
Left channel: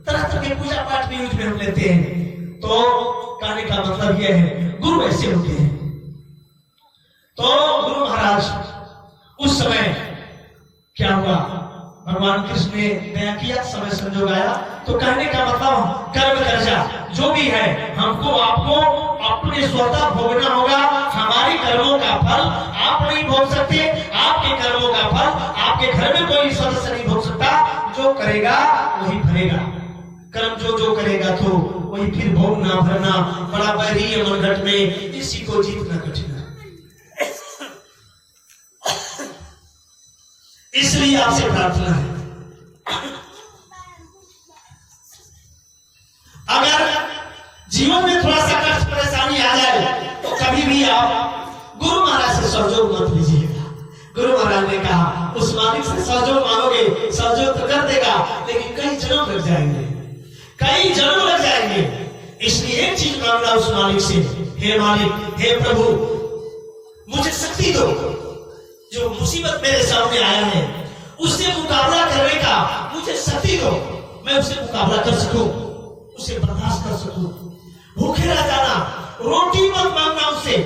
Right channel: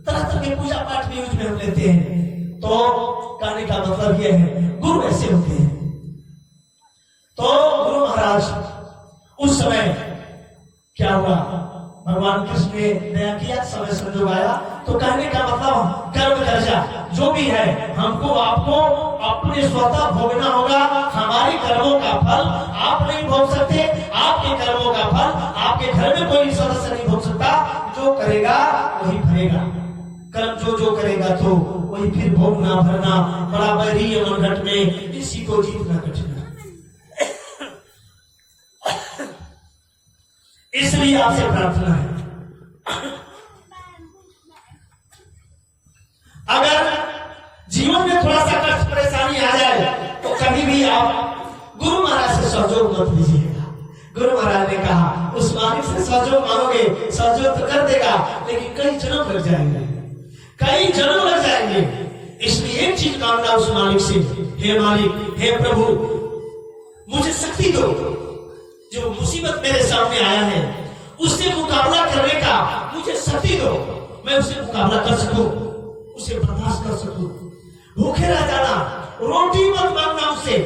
तरह तरह के पूजा पाठ में उसमें हम लेते हैं। तो कहने का मतलब यह है गुरु ऐसे होते हैं। तो गुरु महाराज उस समय क्या हुआ, भगवान कृष्ण ने दया किया, समय संजोग आया। तो कहने का मतलब कर्म कर्जा जो भी है हमको आपको अपने स्वतः भोगना होगा। हमारे कर्मों का फल आप नहीं भोग सकते, आपके कर्मों का फल आपके घर में कोई सदस्य नहीं भोग सकता। जो करेगा वही भरेगा, कर्म जो करेगा तो वही फिर भोगना भरना। बड़ा बैरी है मनघट में, इसी को जीतना कठिन है। इसलिए आपसे प्रार्थना है, अगर जीवन में थोड़ा सा कष्ट परेशानी आ जाए तो कभी भी आप गुरु महाराज से सहयोग मत लीजिएगा। गुरु महाराज ने कहा उस मालिक से सहयोग मांगोगे, सहयोग तो कर देगा, लेकिन कई जन्म लग जाएंगे, कई जन्म लग जाएंगे। इसलिए एक चीज मांगना उस मालिक से, हे मालिक, हे प्रभु, मुझे शक्ति दो, जो मुसीबत मेरे सामने आया है उससे मुकाबला करने का मुझे शक्ति दो, मैं उससे मुकाबला कर सकूं, उसे बर्दाश्त कर सकूं। भूखे रह जाना, रोटी मत मांगना उसे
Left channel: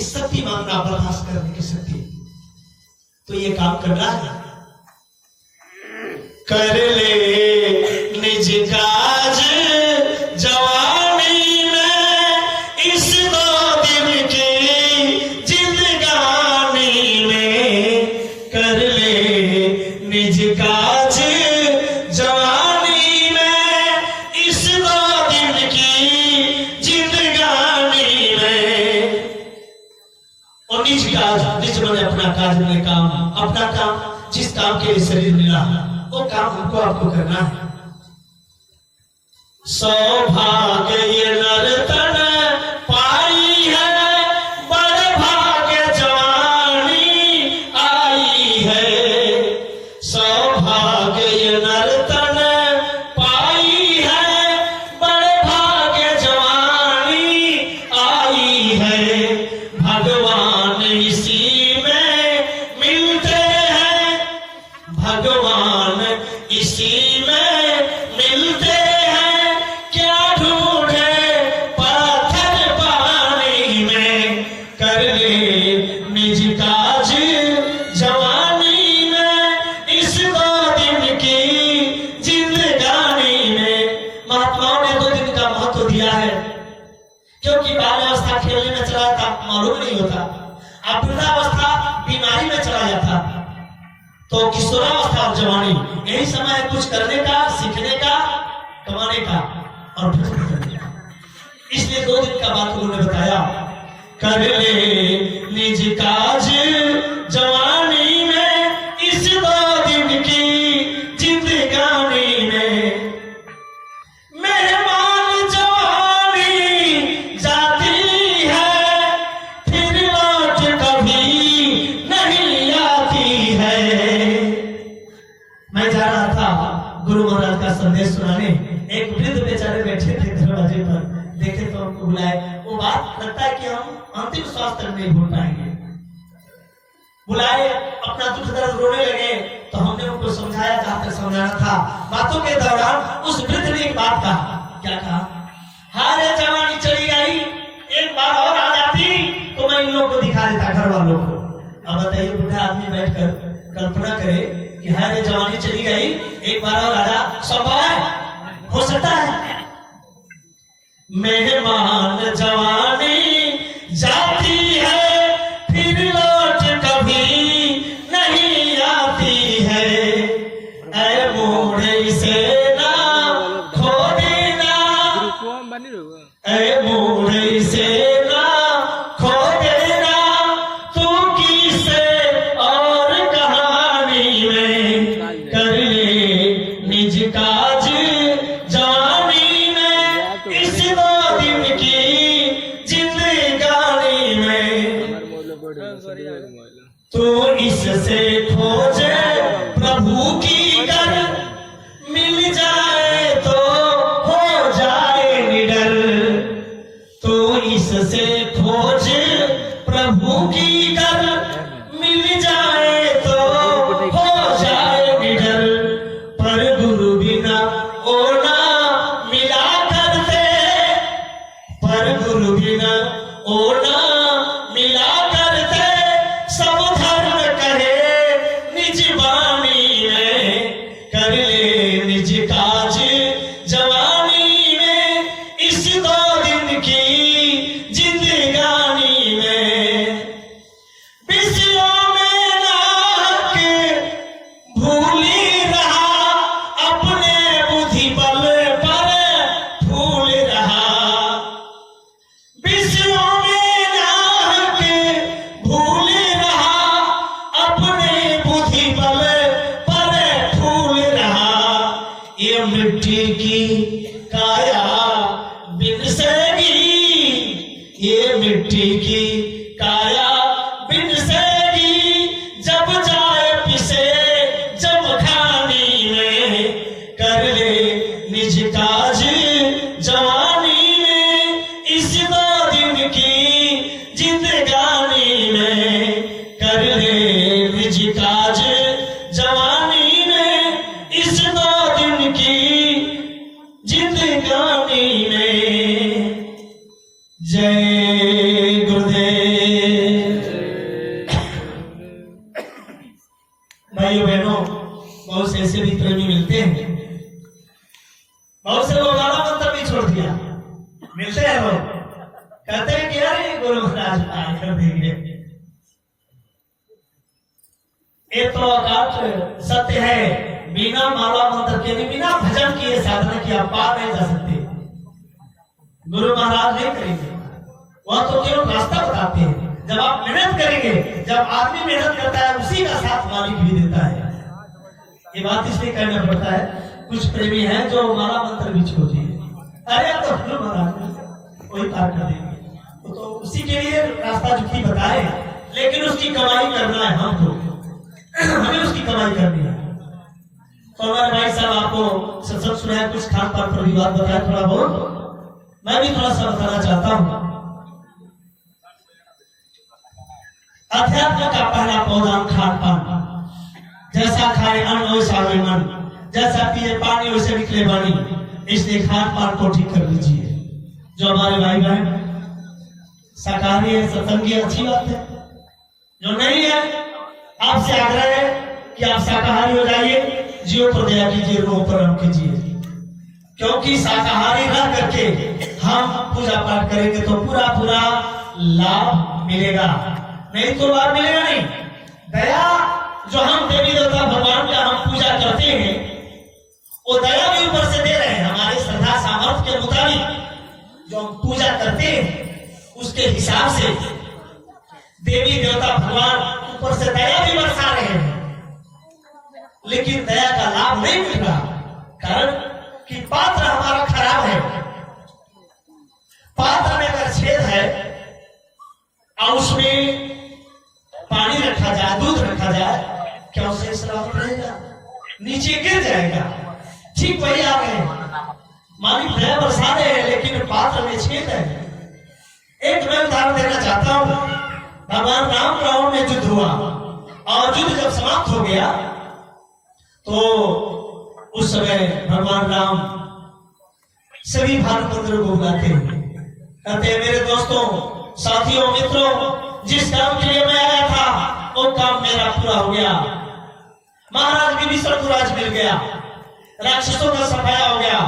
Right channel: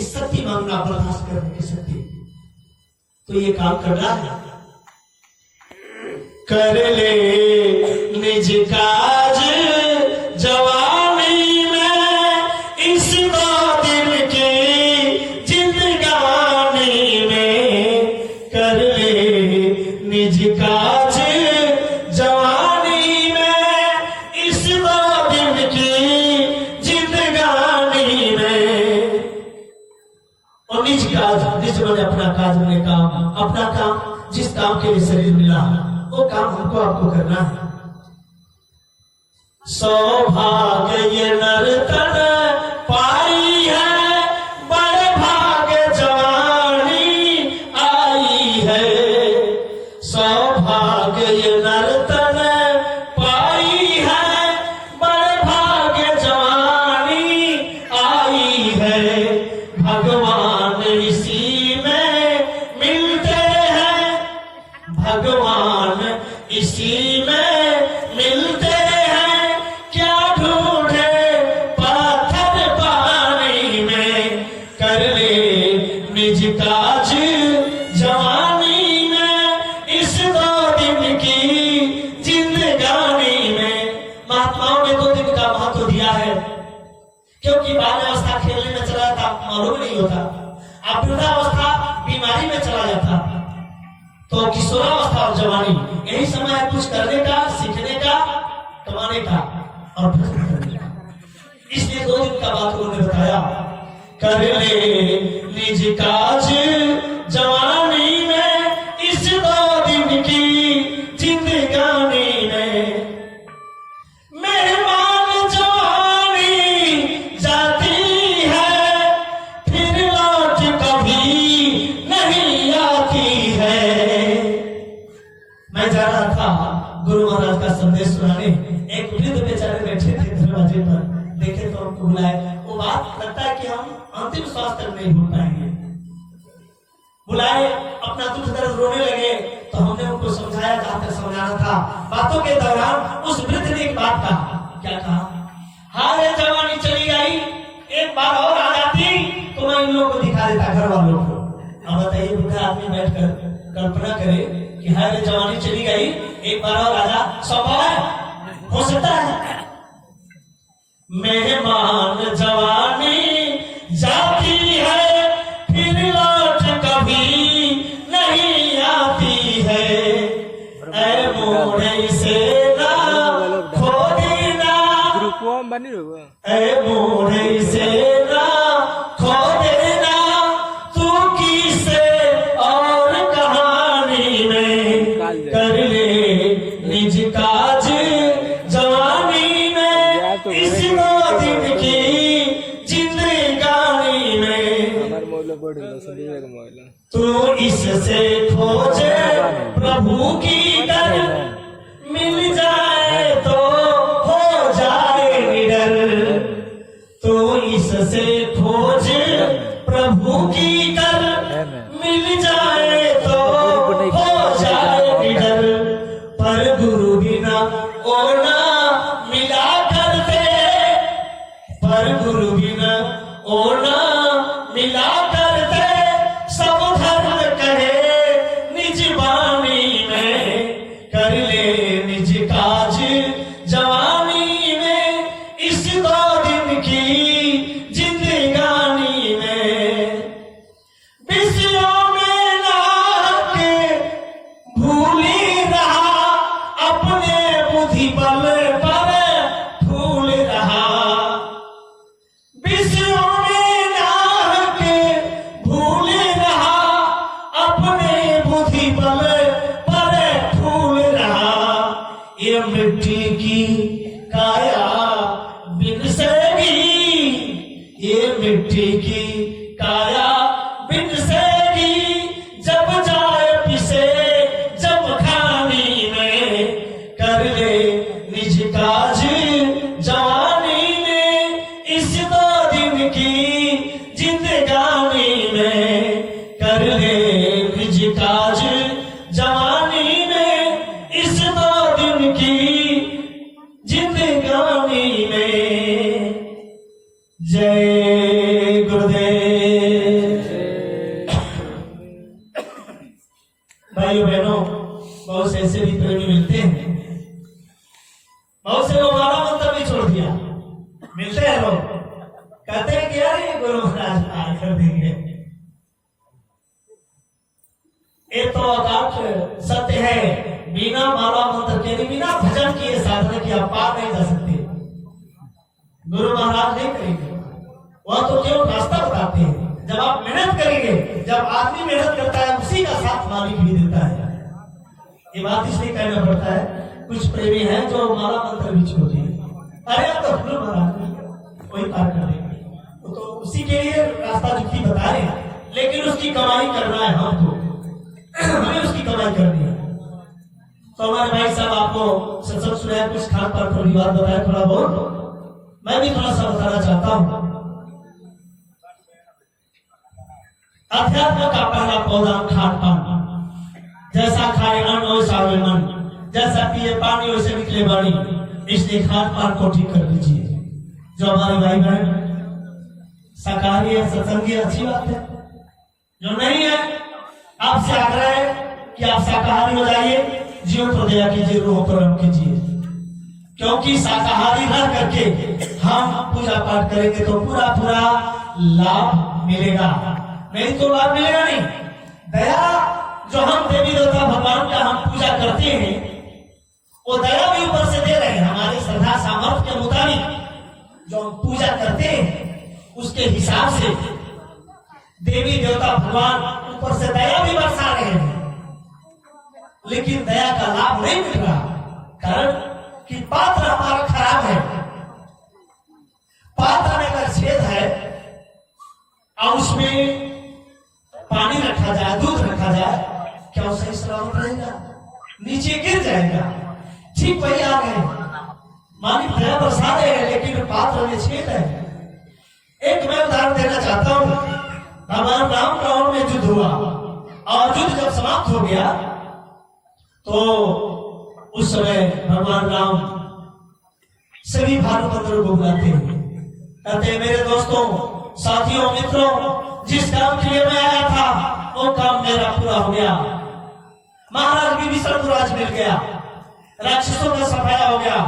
शक्ति मांगना, बर्दाश्त करने की शक्ति। तो ये काम करना है। कर ले निज काज जवानी में, इस 2 दिन की जिंदगानी में। कर ले निज काज जवानी में, इस 2 दिन की जिंदगानी में। और निज काज, निज मैंने अपना काज, मैंने काम, अपना काम, जिस काम के लिए शरीर मिला वो काम हमको आपको करना है। सौभाग्य ये नर्तन पाई है, बड़े भाग्य जवानी आई है। सौभाग्य ये नर्तन पाई है, बड़े भाग्य जवानी आई है। भगवान इसी में मिलते हैं, भगवान इसी में मिलते हैं। क्या ढूंढे पाथर पानी में, कर ले निज काज जवानी में, इस 2 दिन की जिंदगानी में। महात्माओं ने 2 दिन का महत्व दिया है, क्योंकि बाल्यावस्था खेलने में चला जाता, मालूम नहीं होता। अब वृद्धावस्था बीमारी में चला जाता, तो किशोरावस्था और जवानी यही समय है कुछ करने का, सीखने का, कमाने का और भ्रष्ट करने का। इसलिए 2 दिन का बात उन्होंने बताया, कर ले निज काज जवानी में, इस 2 दिन की जिंदगानी में। मेहमान जवानी जाती है, फिर लौट कभी नहीं आती है। मैं जा रहा था गुरु महाराज का संदेश सुनाने, एक वृद्ध बेचारे बैठे थे दरवाजे पर, देखे तो उनको बुलाए। वो बात लगता है कि हम अंतिम श्वास तक नहीं भूल पाएंगे। बुलाए, अपना दुख दर्द रोने लगे, तो हमने उनको समझाया जहां तक समझाना था। बातों के दौरान उस वृद्ध ने एक बात कहा, क्या कहा, हारे जवानी चली गई, एक बार और आ जाती तो मैं इन लोगों को दिखा देता, घर वालों को। अब बताइए, बुढ़ा आदमी बैठकर कल्पना करे कि हारे जवानी चली गई, एक बार और आजा, संभव है, हो सकता है। मेहमान जवानी जाती है, फिर लौट कभी नहीं आती है। ऐ मोड़े से ना खो देना, ऐ मोड़े से ना खो देना, तू किसे और कहानी में। कर ले निज काज जवानी में, इस 2 दिन की जिंदगानी में। तू इससे खोजे प्रभु की कर, मिल जाए तो हो जाए निडर। तू इससे खोजे प्रभु की कर, मिल जाए तो हो जाए निडर। पर गुरु बिना ओ ना मिला करते, पर गुरु बिना ओ ना मिला करते। सब धर्म कहे निज वाणी में, कर ले निज काज जवानी में, इस 2 दिन की जिंदगानी में। विषयों में ना के भूली रहा, अपने बुद्धि बल पर फूल रहा। विषयों में ना के भूल रहा, अपने बुद्धि बल पर फूल रहा। ये मिट्टी की काया बिन सेगी, ये मिट्टी की काया बिन सेगी। जब जाए पिसे जब खानी में, कर ले निज काज जवानी में, इस 2 दिन की जिंदगानी में। कर ले निज काज जवानी में, इस 2 दिन की जिंदगानी में। जय गुरुदेव। भाइयों बहनों, बहुत से ऐसे भी प्रेमी मिलते हैं, बहुत से लोग माला मंत्र भी छोड़ दिया। मिलते हैं लोग, कहते हैं कि यार ये गुरु महाराज आए कर देंगे। ये तो अकाट सत्य है, बिना माला मंत्र के, बिना भजन किए, साधना किए आप पार नहीं जा सकते। गुरु महाराज नहीं करेंगे, वह तो केवल रास्ता बताते हैं। जब आप मेहनत करेंगे, जब आदमी मेहनत करता है, उसी का साथ मालिक भी देता है। ये बात इसलिए कहना पड़ता है, कुछ प्रेमी हैं जो माला मंत्र भी छोड़ते हैं। अरे अब तो गुरु महाराज वही पार कर देंगे, तो उसी के लिए रास्ता जुक्ति बताए, लेकिन उसकी कमाई करना है हमको, हमें उसकी कमाई करनी है। तो हमारे भाई साहब आपको सत्संग सुनाया, कुछ खान पान पर भी बात बताया थोड़ा बहुत, मैं भी थोड़ा सा बताना चाहता हूँ। अध्यात्म का पहला पौधा खान पान, जैसा खाए अन्न वैसा आवे मन, जैसा पिए पानी वैसे निकले वाणी। इसलिए खान पान को ठीक कर लीजिए। जो हमारे भाई बहन शाकाहारी है, सत्संगी, अच्छी बात है। जो नहीं है, आपसे आग्रह है कि आप शाकाहारी हो जाइए, जीव पर दया कीजिए, रोह पर रहम कीजिए। क्योंकि शाकाहारी रह करके हम पूजा पाठ करेंगे तो पूरा लाभ मिलेगा, नहीं तो लाभ मिलेगा नहीं। दया जो हम देवी देवता भगवान का हम पूजा करते हैं, वो दया भी ऊपर से दे रहे हैं। हमारे श्रद्धा सामर्थ्य के मुताबिक जो हम पूजा करते हैं उसके हिसाब से देवी देवता भगवान ऊपर से दया भी बरसा रहे हैं, लेकिन दया का लाभ नहीं मिल रहा। कारण कि पात्र हमारा खराब है। पात्र में अगर छेद है और उसमें पानी रखा जाए, दूध रखा जाए, क्या उसे सलामत रहेगा? नीचे गिर जाएगा। ठीक वही आप है, मालिक दया बरसा रहे हैं लेकिन पात्र में छेद है। एक मैं उदाहरण देना चाहता हूं। भगवान राम रावण में युद्ध हुआ और युद्ध जब समाप्त हो गया तो उस समय भगवान राम सभी भानु बंधुओं को बुलाते हैं, कहते हैं मेरे दोस्तों, साथियों, मित्रों, जिस काम के लिए मैं आया था वो काम मेरा पूरा हो गया। महाराज विभीषण को राज मिल गया, राक्षसों का सफाया हो गया,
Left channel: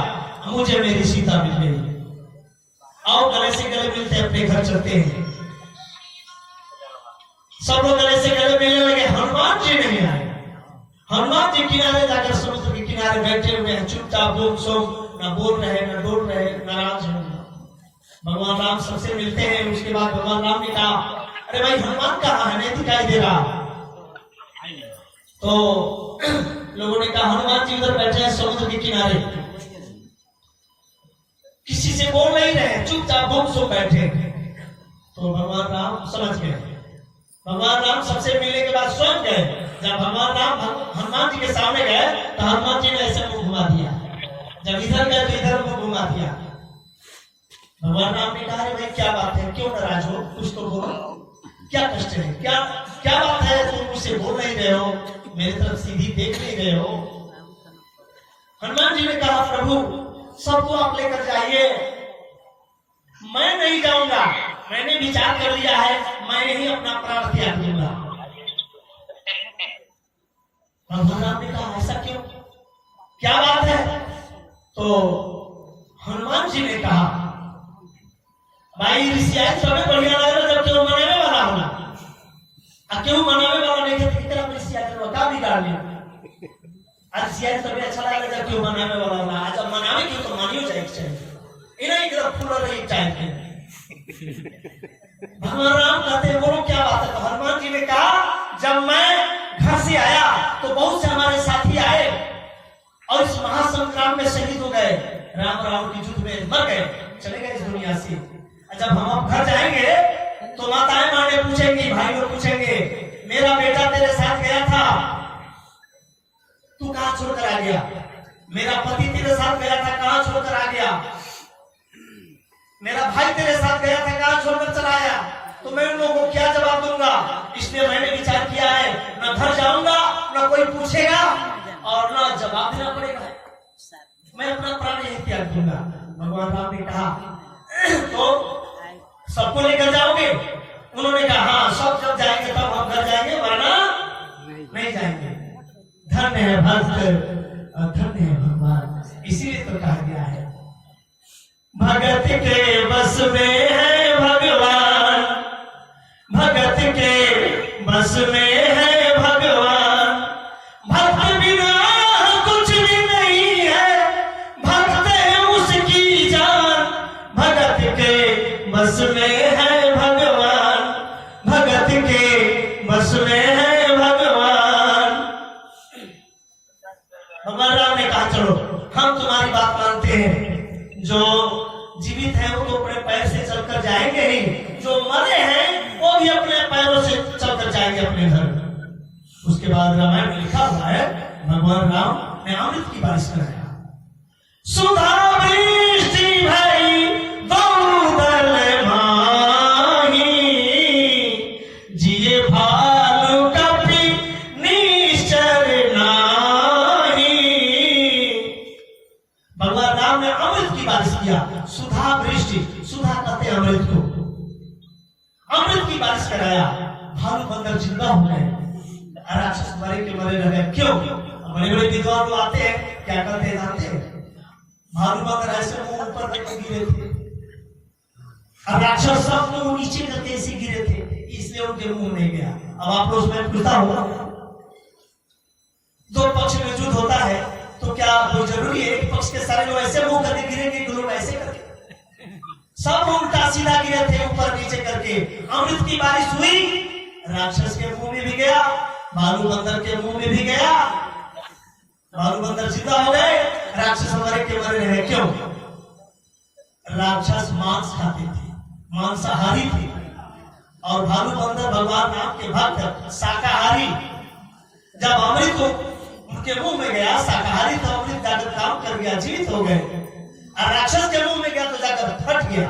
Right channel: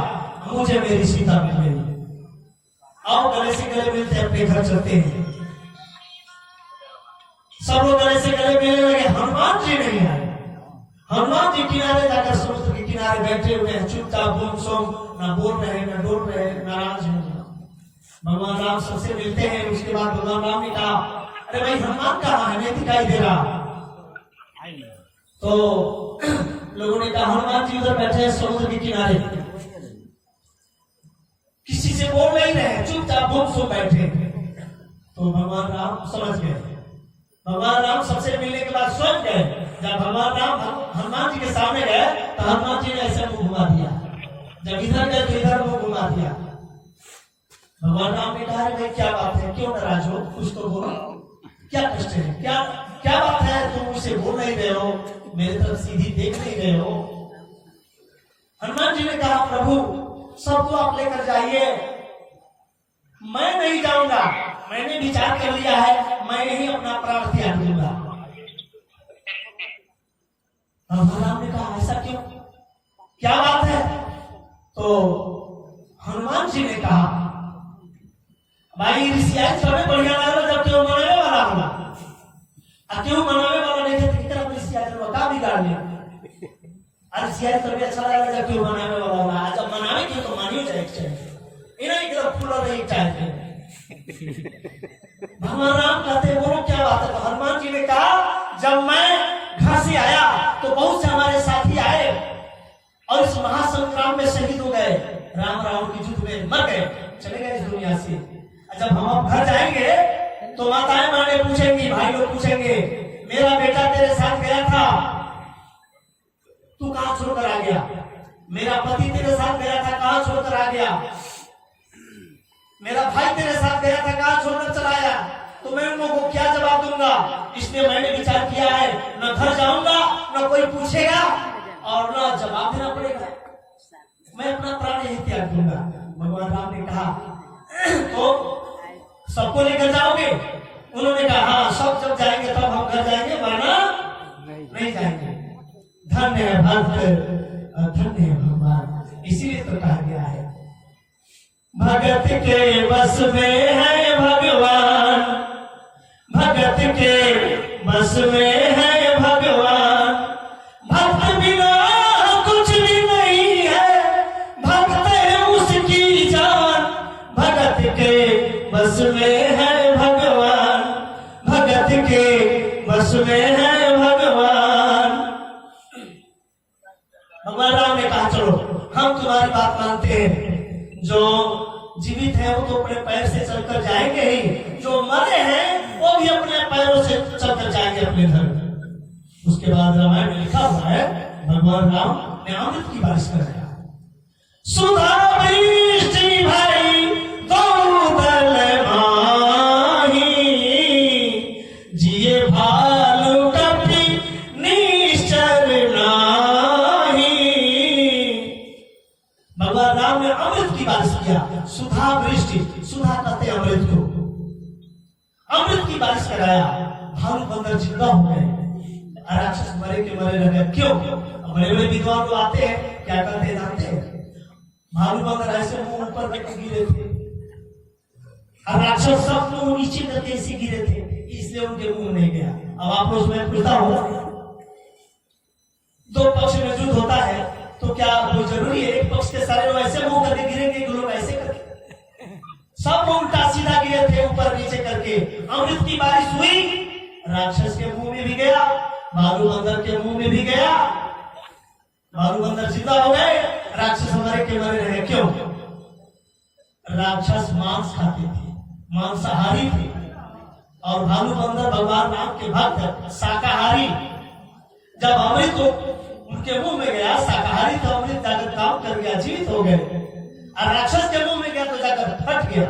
मुझे मेरी सीता मिल गई। आओ गले से गले मिलते अपने घर चलते हैं। सब लोग गले से गले मिलने लगे। हनुमान जी नहीं आए। हनुमान जी किनारे जाकर समुद्र के किनारे बैठे हुए हैं, चुपचाप गुमसुम, ना बोल रहे, ना डोल रहे, नाराज हैं। भगवान राम सबसे मिलते हैं। उसके बाद भगवान राम ने कहा, अरे भाई हनुमान कहाँ है, नहीं दिखाई दे रहा। तो लोगों ने कहा हनुमान जी उधर बैठे हैं समुद्र के किनारे, किसी से बोल नहीं रहे, चुपचाप गुमसुम बैठे। तो भगवान राम समझ गए। भगवान राम सबसे मिलने के बाद स्वयं गए। जब भगवान राम हनुमान जी के सामने गए तो हनुमान जी ने ऐसा मुंह घुमा दिया, जब इधर गए तो इधर मुंह घुमा दिया। भगवान राम ने कहा, भाई क्या बात है, क्यों नाराज हो, कुछ तो बोलो, क्या कष्ट है, क्या क्या बात है, तुम मुझसे बोल नहीं रहे हो, मेरी तरफ सीधी देख नहीं रहे हो। हनुमान जी ने कहा, प्रभु सबको आप लेकर जाइए, मैं नहीं जाऊंगा, मैंने विचार कर लिया है, मैं ही अपना प्राण त्याग दूंगा। भगवान राम ने कहा, ऐसा क्यों, क्या बात है? तो हनुमान जी ने कहा, भाई ऋषियाई सबे बढ़िया लगेगा जब केवल मनावे वाला होगा, अब केवल मनावे वाला नहीं थे कितना ऋषियाई का बिगाड़ लिया। आज ऋषियाई सबे अच्छा लगेगा जब केवल मनावे वाला होगा, आज जब मनावे की तो मानियो चाहिए, इन्हें एकदम फूल नहीं चाहिए। भगवान राम कहते बोलो क्या बात है? तो हनुमान जी ने कहा, जब मैं घर से आया तो बहुत से हमारे साथी आए और इस महासंग्राम में शहीद हो गए, राम रावण की युद्ध में मर गए, चले गए इस दुनिया से। जब हम अब घर जाएंगे तो माताएं माने पूछेंगी, भाई लोग पूछेंगे, मेरा बेटा तेरे साथ गया था, तू कहां छोड़कर आ गया? मेरा पति तेरे साथ गया था, कहां छोड़कर आ गया? मेरा भाई तेरे साथ गया था, कहां छोड़कर चला आया? तो मैं उन लोगों को क्या जवाब दूंगा? इसलिए मैंने विचार किया है, न घर जाऊंगा, न कोई पूछेगा और न जवाब देना पड़ेगा, मैं अपना प्राण यही त्याग दूंगा। भगवान राम ने कहा, तो सबको लेकर जाओगे? उन्होंने कहा, हाँ, सब जब जाएंगे तब हम घर जाएंगे, वरना नहीं जाएंगे। धन्य है भक्त, धन्य है भगवान। इसीलिए तो कहा गया है, भगत के बस में है भगवान, भगत के बस में है भगवान, भक्त बिना कुछ भी नहीं है, भक्त है उसकी जान, भगत के बस में है भगवान, भगत के बस में है भगवान। भगवान राम ने कहा, चलो हम तुम्हारी बात मानते हैं, जो जीवित है वो तो अपने पैर से चलकर जाएंगे ही, जो मरे हैं वो भी अपने पैरों से चलकर जाएंगे अपने घर। उसके बाद रामायण में लिखा हुआ है, भगवान राम ने अमृत की बारिश कराया, सुधा वृष्टि भई दौदल माही, जिए भालु कपि निश्चर नाही। भगवान राम ने अमृत की बारिश किया, सुधा वृष्टि, सुधा कहते हैं अमृत को, अमृत की बारिश कराया, भालू बंदर जिंदा हो गए, राक्षस मरे के मरे लगे। क्यों? बड़े बड़े विद्वान लोग आते हैं, क्या करते हैं जानते हैं? भालू बंदर ऐसे मुंह ऊपर करके गिरे थे और राक्षस सब मुंह नीचे करके इसे गिरे थे, इसलिए उनके मुंह नहीं गया। अब आप लोग मैं पूछता हूँ, में युद्ध होता है तो क्या कोई जरूरी है एक पक्ष के सारे लोग ऐसे मुंह करके गिरेंगे कि लोग ऐसे करके? सब लोग उल्टा सीधा गिरे थे ऊपर नीचे करके। अमृत की बारिश हुई, राक्षस के मुंह में भी गया, भालू बंदर के मुंह में भी गया। भालू बंदर जिंदा हो गए, राक्षस हमारे के मरे रहे। क्यों? राक्षस मांस खाते थे, मांसाहारी थे, और भालू बंदर भगवान राम के भक्त शाकाहारी। जब अमृत को उनके मुंह में गया, शाकाहारी तो अमृत जाकर काम कर गया, जीवित हो गए, और राक्षस के मुंह में गया तो जाकर फट गया,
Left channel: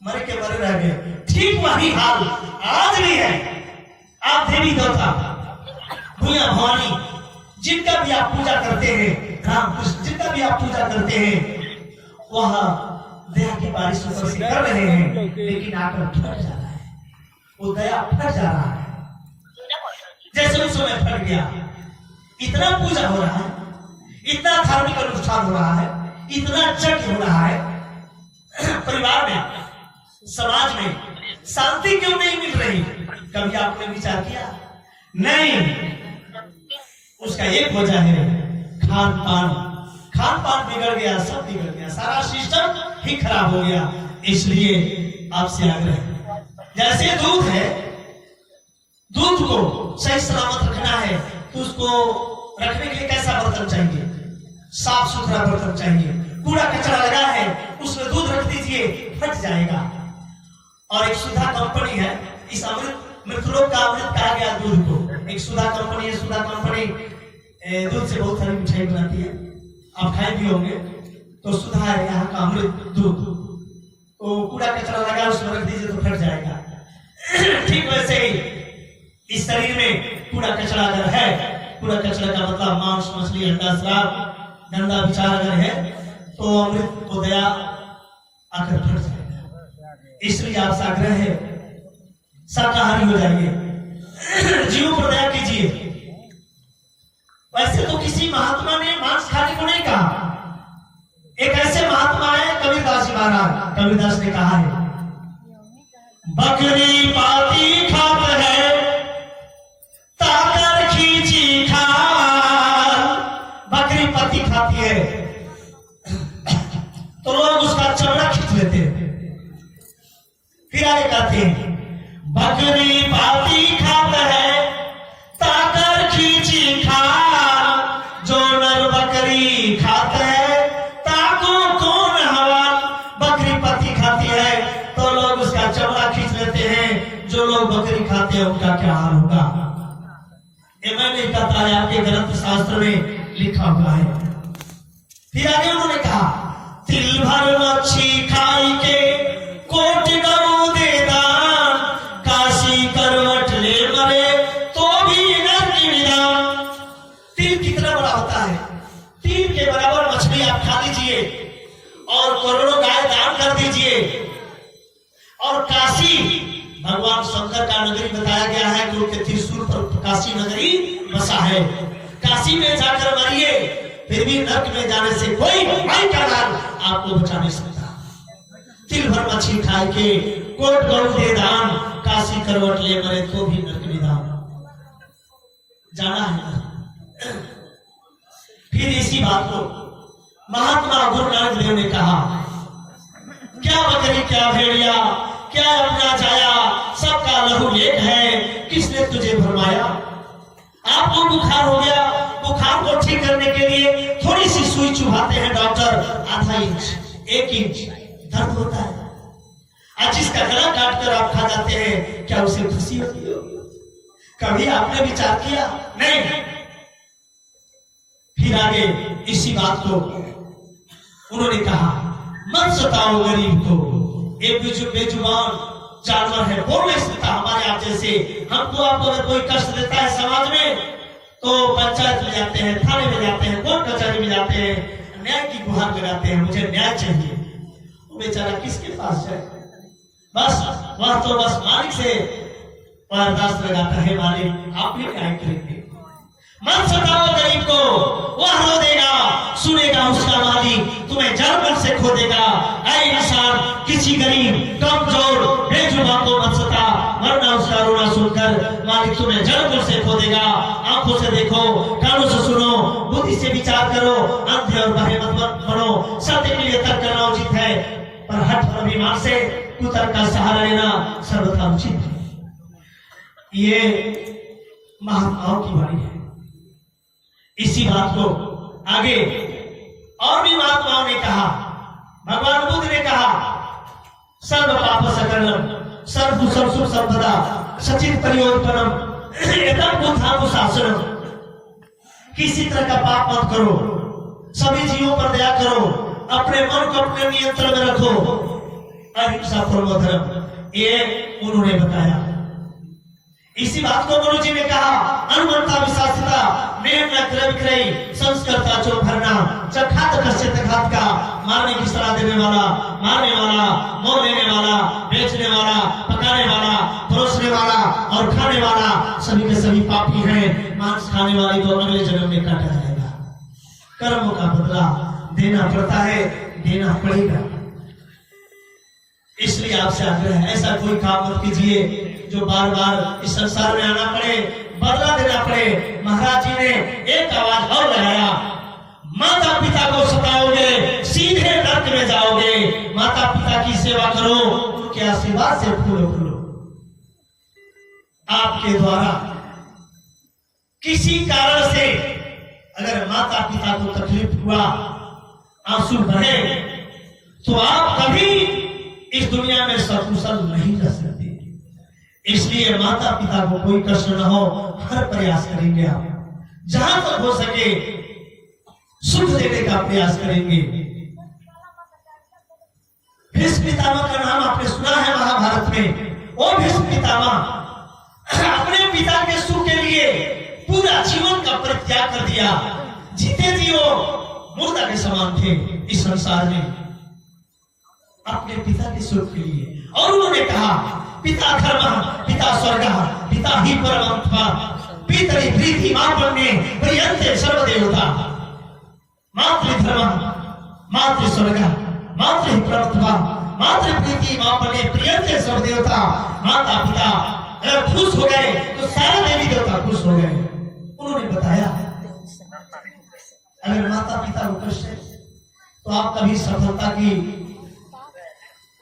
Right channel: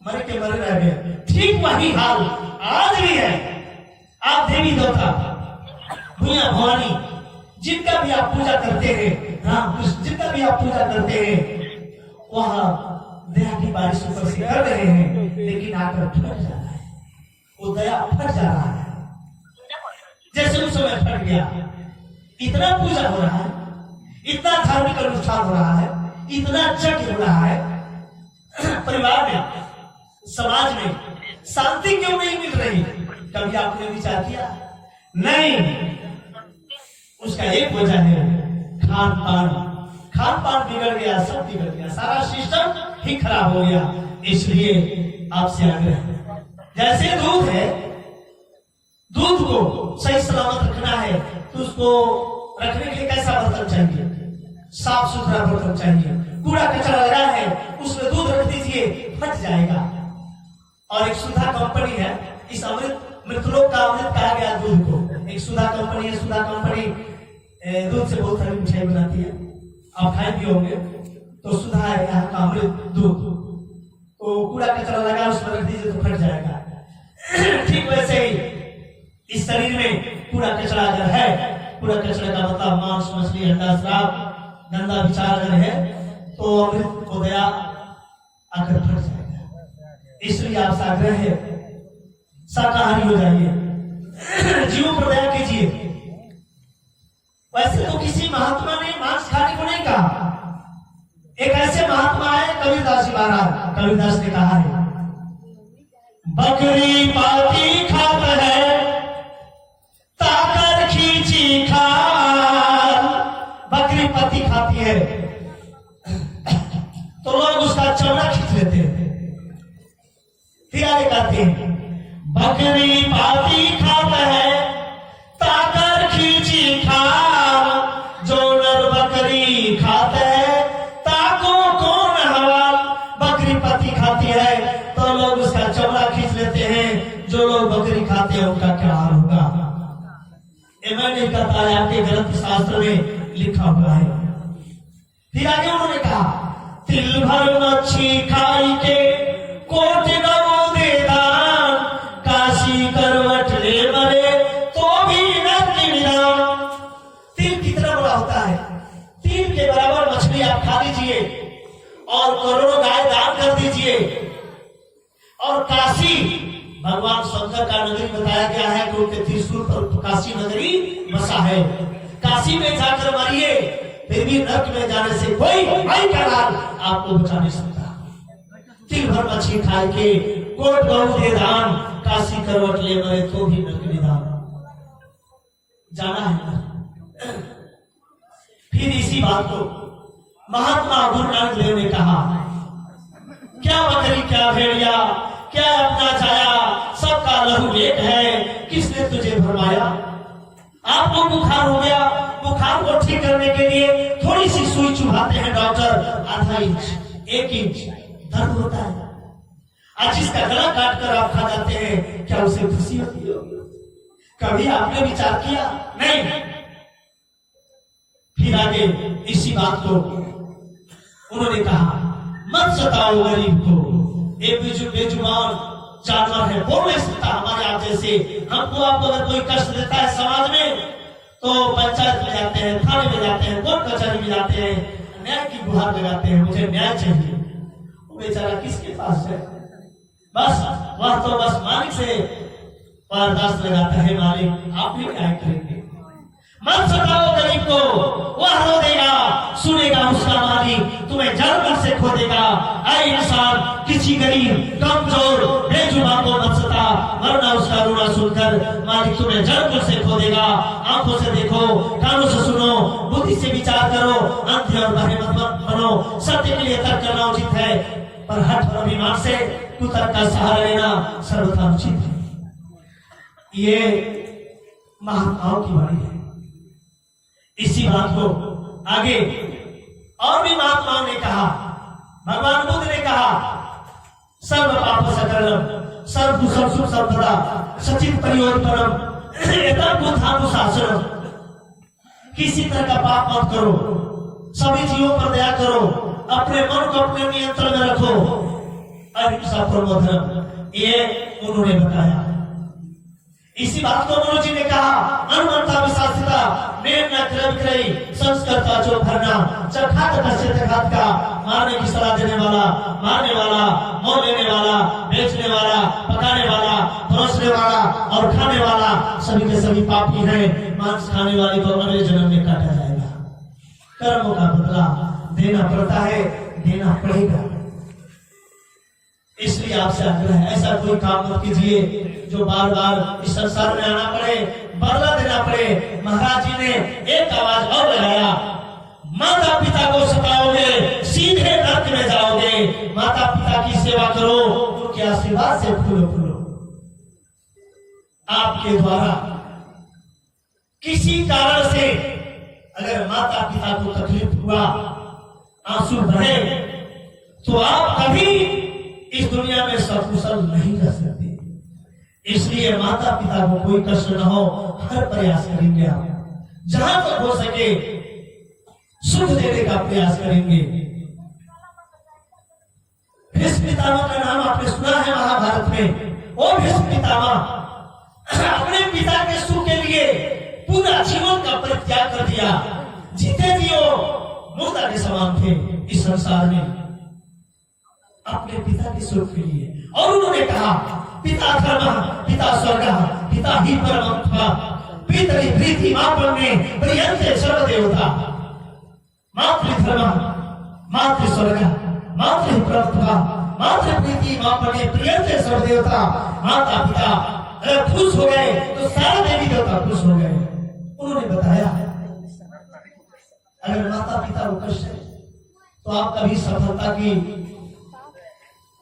मरे के मरे रह गए। ठीक वही हाल आज भी है। आप देवी देवता भूया भवानी जिनका भी आप पूजा करते हैं, राम कृष्ण जिनका भी आप पूजा करते हैं, वह दया की बारिश ऊपर से कर रहे हैं, लेकिन आकर फट जा रहा है, वो दया फट जा रहा है। जैसे उस समय फट गया। इतना पूजा हो रहा है, इतना धार्मिक अनुष्ठान हो रहा है, इतना यज्ञ हो रहा है, परिवार में समाज में शांति क्यों नहीं मिल रही? कभी आपने विचार किया? नहीं। उसका एक वजह है खान पान। खान पान बिगड़ गया, सब बिगड़ गया, सारा सिस्टम ही खराब हो गया। इसलिए आपसे आग्रह है, जैसे दूध है, दूध को सही सलामत रखना है तो उसको रखने के लिए कैसा बर्तन चाहिए? साफ सुथरा बर्तन चाहिए। कूड़ा कचरा लगा है, उसमें दूध रख दीजिए, फट जाएगा। और एक सुधा कंपनी है, इस मृतलोक का अमृत कहा गया दूध को। एक सुधा कंपनी है, सुधा कंपनी दूध से बहुत सारी मिठाई बनाती है, आप खाए भी होंगे। तो सुधा है यहाँ का अमृत दूध। तो कूड़ा कचरा लगा उसमें रख दीजिए तो फट जाएगा। ठीक वैसे ही इस शरीर में कूड़ा कचरा अगर है, कूड़ा कचरा का मतलब मांस मछली अंडा शराब गंदा विचार अगर है, तो अमृत को दया आकर फट जाएगा। इसलिए आपसे आग्रह है, शाकाहारी हो जाइए, जीव पर दया कीजिए। वैसे तो किसी महात्मा ने मांस खाने को नहीं कहा। एक ऐसे महात्मा है कबीरदास जी महाराज। कबीरदास ने कहा है, बकरी पाती खात है ताकर खींची खाल। बकरी पत्ती खाती है तो लोग उसका चमड़ा खींच लेते हैं। फिर आगे कहते हैं, बकरी पाती खात है ताकर खींची खाल। जो नर बकरी खाते है ताको कौन हवाल। बकरी पत्ती खाती है तो लोग उसका चमड़ा खींच लेते हैं, जो लोग बकरी खाते हैं उनका क्या हाल होगा? ये मैं नहीं कहता है, आपके ग्रंथ शास्त्र में लिखा हुआ है। फिर आगे उन्होंने कहा, तिल भर मच्छी खाई के कोट गऊ दे दान। काशी करवट ले मरे तो भी नरक निदान। तिल कितना बड़ा होता है? तिल के बराबर मछली आप खा लीजिए और करोड़ों गाय दान कर दीजिए। और काशी भगवान शंकर का नगरी बताया गया है कि उनके त्रिशूल पर काशी नगरी बसा है। काशी में जाकर मरिए, फिर भी नरक में जाने से कोई काल आपको बचा नहीं सकता। तिल भर मछली खाए के कोट गऊ दे दान। काशी करवट ले मरे तो भी नरक निदान। जाना है। फिर इसी बात को महात्मा गुरु नानक देव ने कहा, क्या बकरी क्या भेड़िया क्या अपना जाया, सबका लहू लेक है, किसने तुझे भरमाया। आपको बुखार हो गया, बुखार को ठीक करने के लिए थोड़ी सी सुई चुभाते हैं डॉक्टर, आधा इंच 1 इंच दर्द होता है। आज जिसका गला काट कर आप खा जाते हैं, क्या उसे खुशी होती है? कभी आपने विचार किया? नहीं। फिर आगे इसी बात को उन्होंने कहा, मत सताओ गरीब को, एक बेजुबान जानवर है, बोल नहीं सकता हमारे आप जैसे। हमको आपको अगर कोई कष्ट देता है समाज में तो पंचायत में जाते हैं, थाने में जाते हैं, कोर्ट कचहरी में जाते हैं, न्याय की गुहार लगाते हैं, मुझे न्याय चाहिए। वो बेचारा किसके पास जाए? बस वह तो बस मालिक से बर्दाश्त लगाता है, मालिक आप भी न्याय करेंगे। मत सताओ गरीब को, वह रो देगा, सुनेगा उसका मालिक, तुम्हें जड़ से खो देगा। ऐ इंसान, किसी गरीब कमजोर बेजुबान को मत सता, वरना उसका रोना सुनकर मालिक तुम्हें जड़ से खो देगा। आंखों से देखो, कानों से सुनो, बुद्धि से विचार करो, अंधे और बहरे मत बनो। सत्य के लिए तर्क करना उचित है, पर हठ और अभिमान से कुतर्क का सहारा लेना सर्वथा उचित है। ये महात्माओं की वाणी है। इसी बात को आगे और भी महात्माओं ने कहा। भगवान बुद्ध ने कहा, सर्व पाप सकलम सर्वभूषण सुख सर्वदा सचित प्रयोजनम एतम बुद्धानुशासनम। किसी तरह का पाप मत करो, सभी जीवों पर दया करो, अपने मन को अपने नियंत्रण में रखो, अहिंसा परमो धर्म, ये उन्होंने बताया। इसी बात को मनु जी ने कहा, अनुमंता विशासिता नेम न क्रय विक्रय संस्कृता जो भरना चखात कश्चित घात का। मारने की सलाह देने वाला, मारने वाला, मोल लेने वाला, बेचने वाला, पकाने वाला, परोसने वाला और खाने वाला सभी के सभी पापी हैं। मांस खाने वाले तो अगले जन्म में काटा जाएगा। कर्मों का बदला देना पड़ता है, देना पड़ेगा। इसलिए आपसे आग्रह है, ऐसा कोई काम मत कीजिए जो बार बार इस संसार में आना पड़े, बदला देना पड़े। महाराज जी ने एक आवाज और लगाया, माता पिता को सताओगे सीधे नरक में जाओगे। माता पिता की सेवा करो, उनके आशीर्वाद से फूलो फूलो। आपके द्वारा किसी कारण से अगर माता पिता को तकलीफ हुआ, आंसू बहे, तो आप कभी इस दुनिया में सकुशल नहीं रह सकते। इसलिए माता पिता को कोई कष्ट न हो, हर प्रयास करेंगे। आप जहां तक हो सके सुख देने का प्रयास करेंगे। भीष्म पितामह का नाम आपने सुना है महाभारत में। वो भीष्म पितामह अपने पिता के सुख के लिए पूरा जीवन का परित्याग कर दिया। जीते जी वो मुर्दा के समान थे इस संसार में, अपने पिता के सुख के लिए। और उन्होंने कहा, पिता धर्म पिता स्वर्ग पिता ही परमात्मा पितरी प्रीति मापन्ने प्रियंते सर्वदेवता। मातृधर्म मातृ स्वर्ग मातृ परमात्मा मातृ प्रीति मापन्ने प्रियंते सर्वदेवता। माता पिता अगर खुश हो गए तो सारे देवी देवता खुश हो गए। उन्होंने बताया, अगर माता पिता को कष्ट है तो आप कभी सफलता की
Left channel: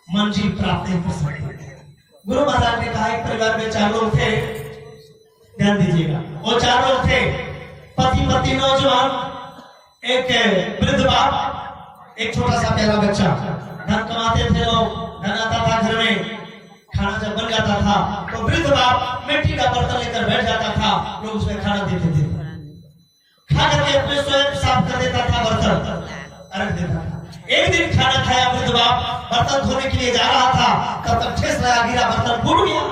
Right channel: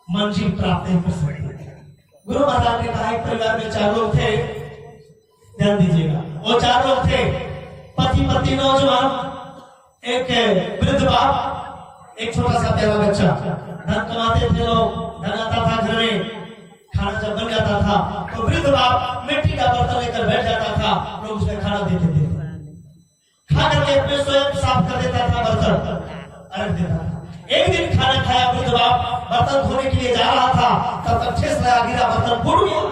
मंजिल प्राप्त नहीं कर सकते। गुरु महाराज ने कहा, एक परिवार में 4 लोग थे, ध्यान दीजिएगा। वो 4 लोग थे, पति पत्नी नौजवान, एक वृद्ध बाप, एक छोटा सा प्यारा बच्चा। धन कमाते थे लोग, धन आता था घर में। खाना जब बन जाता था तो वृद्ध बाप मिट्टी का बर्तन लेकर बैठ जाता था, लोग उसमें खाना देते थे। खा करके अपने स्वयं साफ कर देता था, बर्तन रख देता था। एक दिन खाना खाया वृद्ध बाप, बर्तन धोने के लिए जा रहा था, तब तक ठेस लगा, गिरा, बर्तन फूट गया।